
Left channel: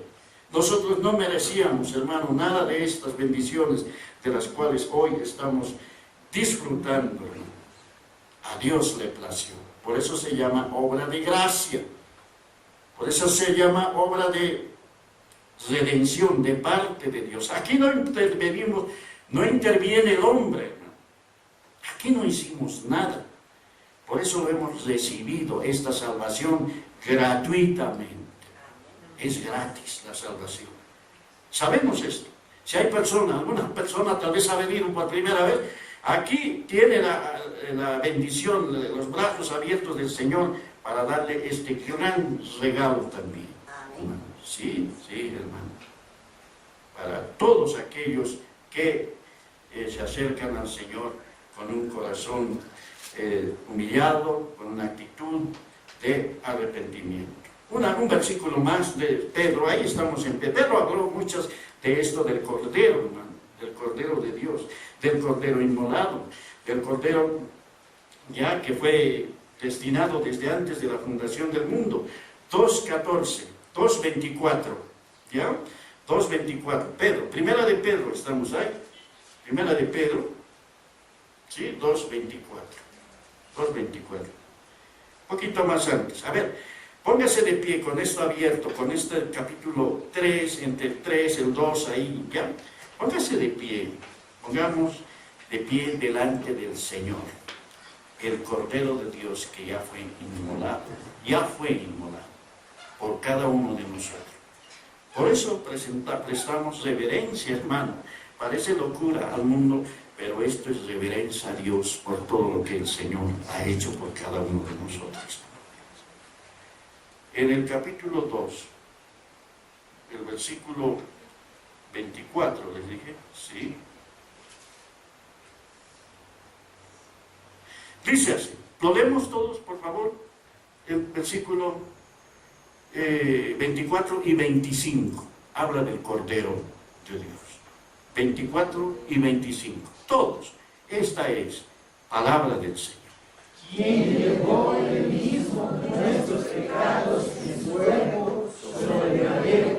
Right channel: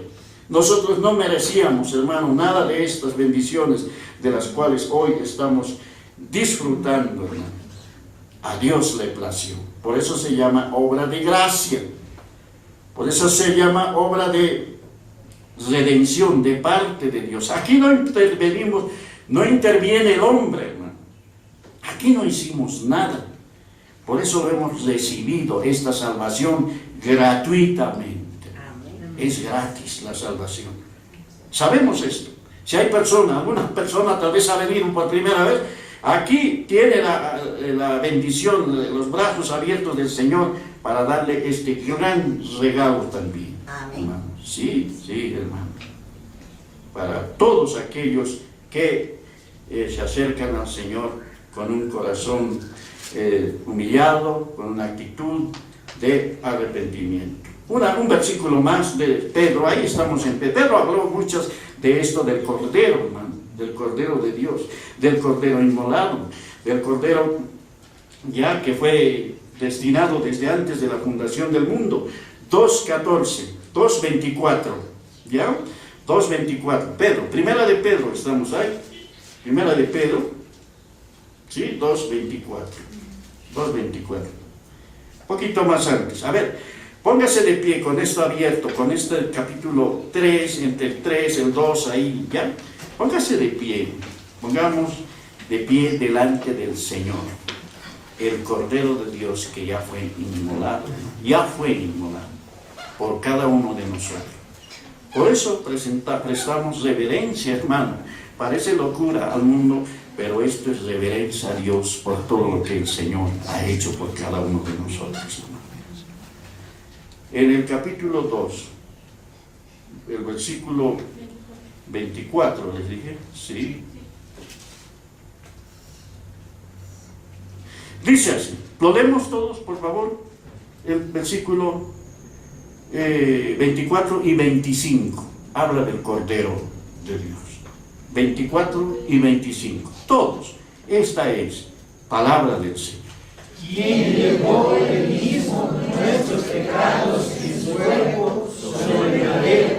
Nosotros no merecíamos, hermano, nada de estas bendiciones de las cuales hoy estamos disfrutando, hermano. A Dios le plació. Por eso se llama obra de gracia. Por eso se llama obra de redención de parte de Dios. Aquí no intervenimos, no interviene el hombre, hermano. Aquí no hicimos nada. Por eso lo hemos recibido, esta salvación, gratuitamente. Es gratis la salvación. Sabemos esto. Si hay personas, alguna persona tal vez ha venido por primera vez, aquí tiene la bendición, los brazos abiertos del Señor para darle este gran regalo también. Hermano. Sí, hermano. Para todos aquellos que se acercan al Señor con un corazón humillado, con una actitud de arrepentimiento. Un versículo más de Pedro, ahí estamos en Pedro. Pedro habló muchas de esto del Cordero, hermano, del Cordero de Dios, del Cordero inmolado, del Cordero ya que fue destinado desde antes de la fundación del mundo. 2:14, 2:24, ¿ya? 2:24, Pedro, primera de Pedro, estamos ahí, primera de Pedro, ¿sí? 2:24, poquito más antes, a ver. Póngase de pie con esto abierto, con este capítulo 3, entre el 3, el 2, ahí, ¿ya? Póngase de pie, pongamos de pie delante del Señor, el Cordero de Dios que ya fue inmolado por cada uno de nosotros. Por eso prestamos reverencia, hermano. Parece locura al mundo, pero esto es reverencia a Dios por todo lo que el Señor ha hecho por cada uno de nosotros, hermano. En el capítulo 2, el versículo 24, les dije, sí. Dice así, lo leemos todos, por favor, el versículo 24 y 25, habla del Cordero de Dios. 24 y 25, todos, esta es palabra del Señor. Quien llevó el mismo nuestros pecados en su cuerpo sobre el madero,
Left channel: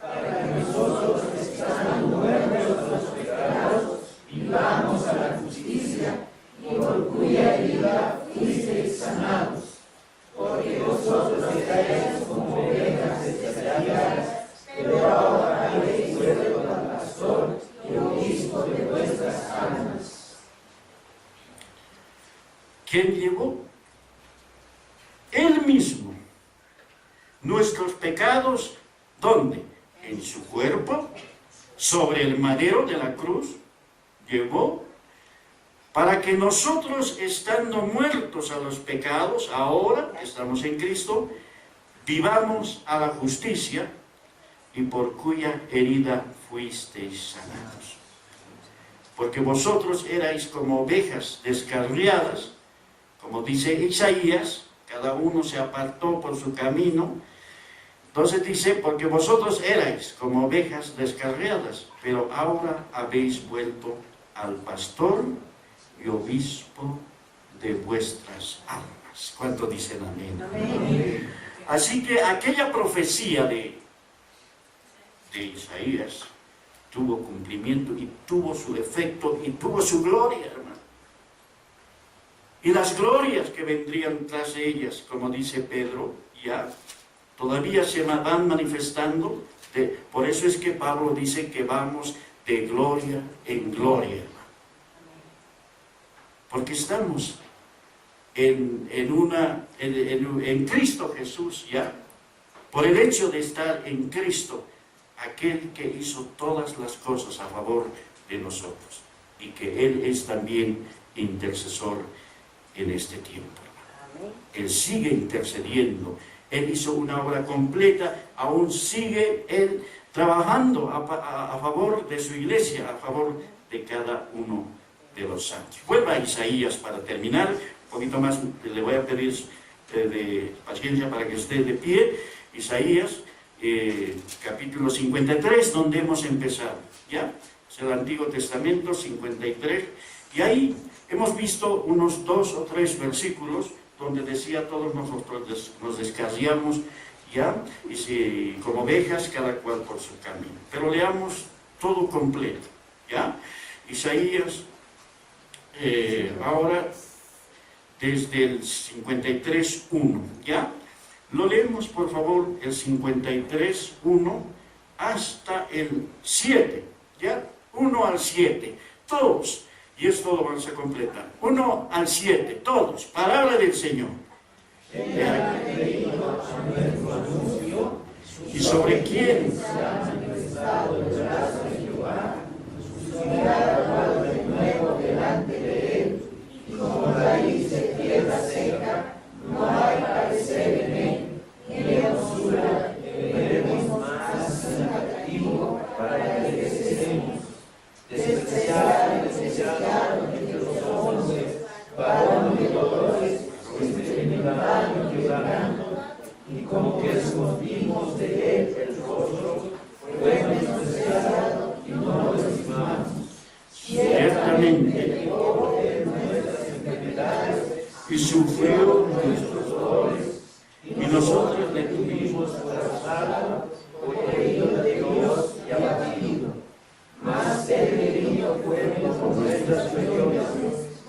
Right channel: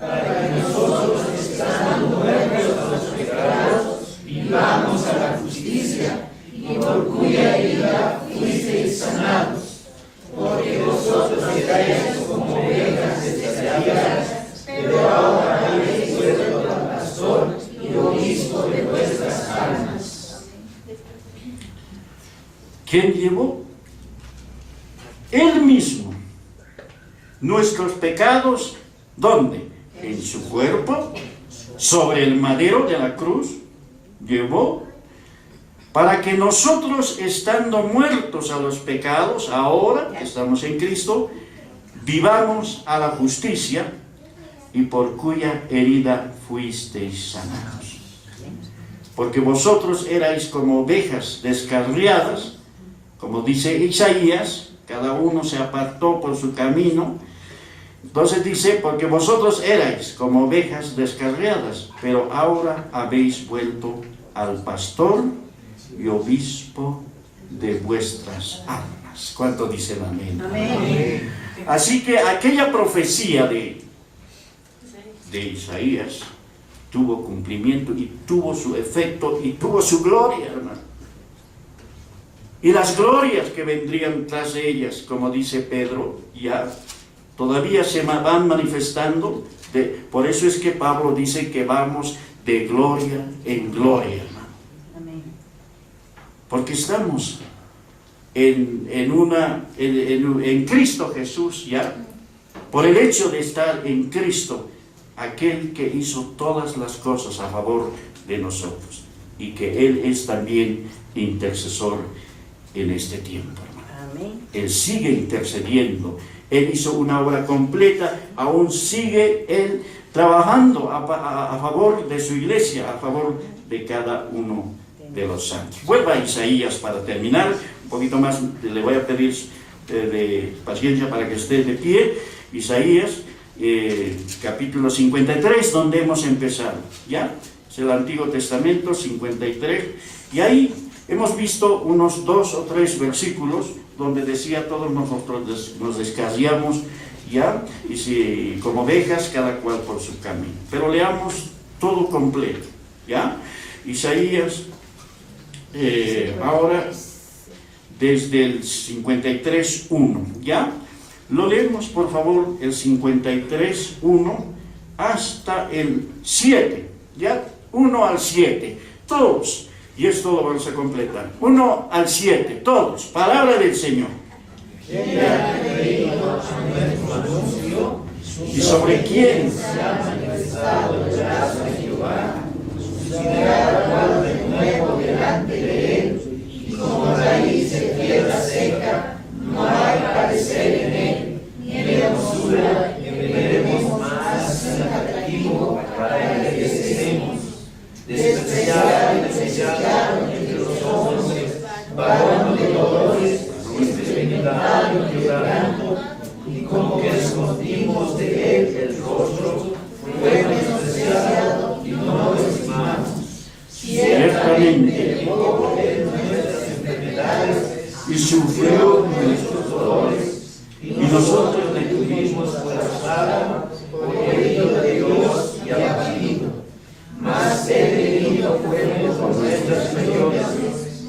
para que nosotros, estando muertos a los pecados, vivamos a la justicia, y por cuya herida fuisteis sanados. Porque vosotros erais como ovejas extraviadas, pero ahora habéis vuelto al pastor y obispo de vuestras almas. ¿Quién llevó? Él mismo. Nuestros pecados, ¿dónde? En su cuerpo, sobre el madero de la cruz, llevó, para que nosotros, estando muertos a los pecados, ahora que estamos en Cristo, vivamos a la justicia, y por cuya herida fuisteis sanados. Porque vosotros erais como ovejas descarriadas, como dice Isaías, cada uno se apartó por su camino. Entonces dice, porque vosotros erais como ovejas descarriadas, pero ahora habéis vuelto al pastor y obispo de vuestras almas. ¿Cuánto dicen amén? Amén. Así que aquella profecía de Isaías tuvo cumplimiento y tuvo su efecto y tuvo su gloria, hermano. Y las glorias que vendrían tras de ellas, como dice Pedro, ya todavía se van manifestando. Por eso es que Pablo dice que vamos de gloria en gloria, hermano. Porque estamos en Cristo Jesús, ya. Por el hecho de estar en Cristo, aquel que hizo todas las cosas a favor de nosotros. Y que Él es también intercesor en este tiempo, hermano. Él sigue intercediendo. Él hizo una obra completa, aún sigue Él trabajando a favor de su iglesia, a favor de cada uno de los santos. Vuelva a Isaías para terminar, un poquito más, le voy a pedir de paciencia para que esté de pie. Isaías, capítulo 53, donde hemos empezado, ¿ya? Es el Antiguo Testamento, 53, y ahí hemos visto unos 2 o 3 versículos donde decía: todos nosotros nos descarriamos, ¿ya? Y si como ovejas, cada cual por su camino. Pero leamos todo completo, ¿ya? Isaías, ahora desde el 53.1, ¿ya? Lo leemos, por favor, el 53.1 hasta el 7, ¿ya? 1 al 7, todos, y esto lo vamos a completar. 1 al 7, todos, palabra del Señor. ¿Y sobre quién? Como raíz de tierra seca, no hay parecer en él, ni hermosura que veremos más atractivo para el que seremos. Despreciado entre los hombres, varón de dolores, experimentado en quebranto, y como que escondimos de él el rostro, fue menospreciado y no lo estimamos. Ciertamente, y sufrió nuestros dolores, y nosotros le tuvimos por azotado, por herido de Dios y abatido. Mas él herido fue por nuestras rebeliones,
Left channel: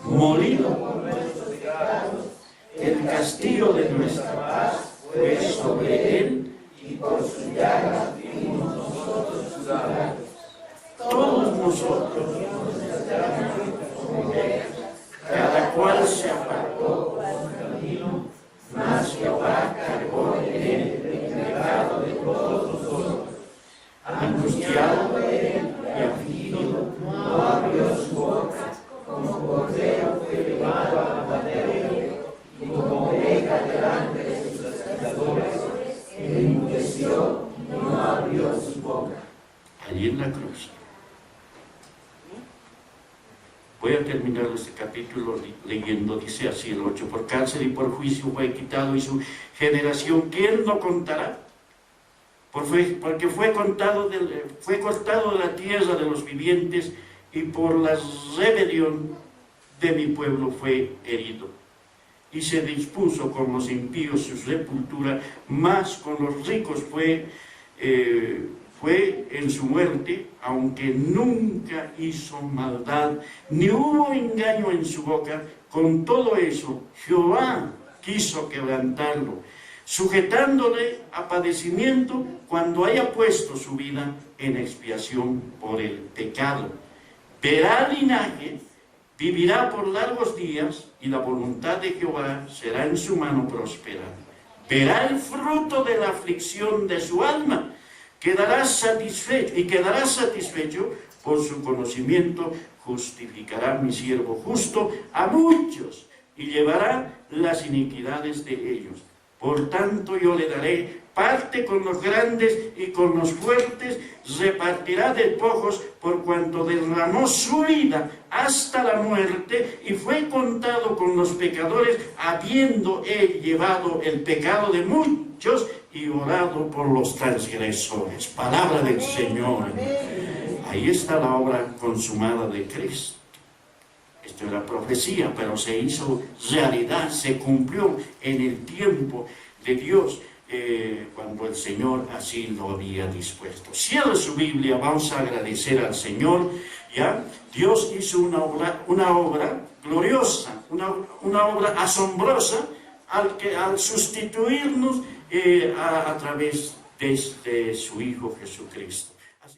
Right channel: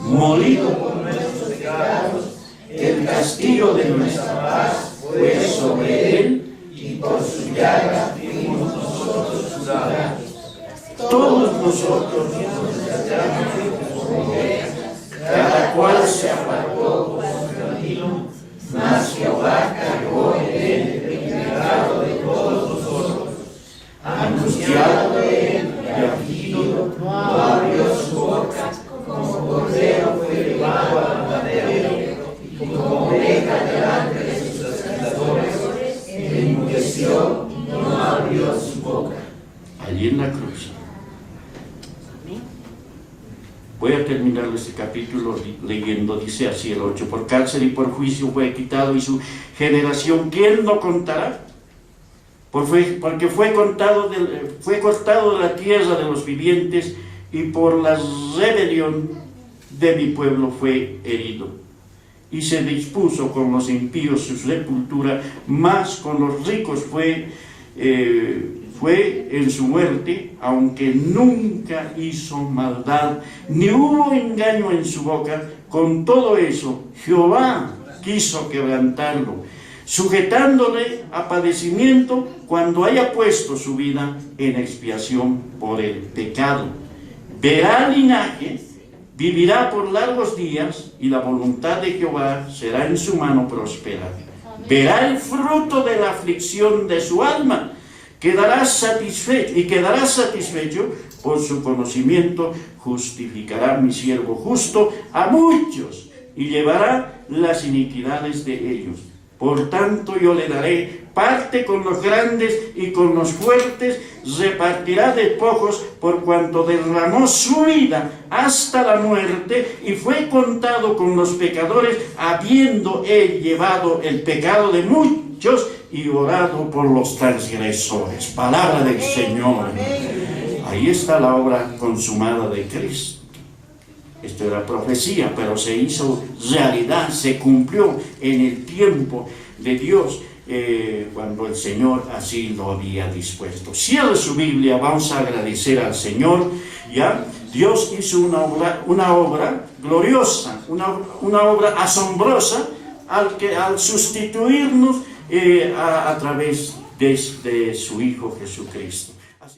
molido por nuestros pecados. El castigo de nuestra paz fue sobre él, y por su llaga fuimos nosotros curados. Todos nosotros nos hallamos como ovejas, cada cual se apartó por su camino, mas Jehová cargó en él el pecado de todos nosotros. Angustiado de él y afligido, no abrió su boca, como cordero fue llevado al matadero, y como oveja delante de sus trasquiladores, enmudeció y no abrió su boca. Allí en la cruz. Voy a terminar este capítulo leyendo, dice así el 8: por cárcel y por juicio fue quitado, y su generación, ¿quién lo contará? Porque fue cortado de la tierra de los vivientes, y por la rebelión de mi pueblo fue herido. Y se dispuso con los impíos su sepultura, mas con los ricos fue en su muerte, aunque nunca hizo maldad, ni hubo engaño en su boca. Con todo eso, Jehová quiso quebrantarlo, sujetándole a padecimiento cuando haya puesto su vida en expiación por el pecado. Verá linaje, vivirá por largos días, y la voluntad de Jehová será en su mano prosperar. Verá el fruto de la aflicción de su alma, quedará satisfecho por su conocimiento. Justificará mi siervo justo a muchos, y llevará las iniquidades de ellos. Por tanto yo le daré parte con los grandes y con los fuertes, repartirá despojos, por cuanto derramó su vida hasta la muerte, y fue contado con los pecadores, habiendo él llevado el pecado de muchos y orado por los transgresores. Palabra del Señor. Ahí está la obra consumada de Cristo. Esto era profecía, pero se hizo realidad, se cumplió en el tiempo de Dios, cuando el Señor así lo había dispuesto. Cierre su Biblia, vamos a agradecer al Señor. ¿Ya? Dios hizo una obra gloriosa, una obra asombrosa, al sustituirnos a través de su Hijo Jesucristo. Así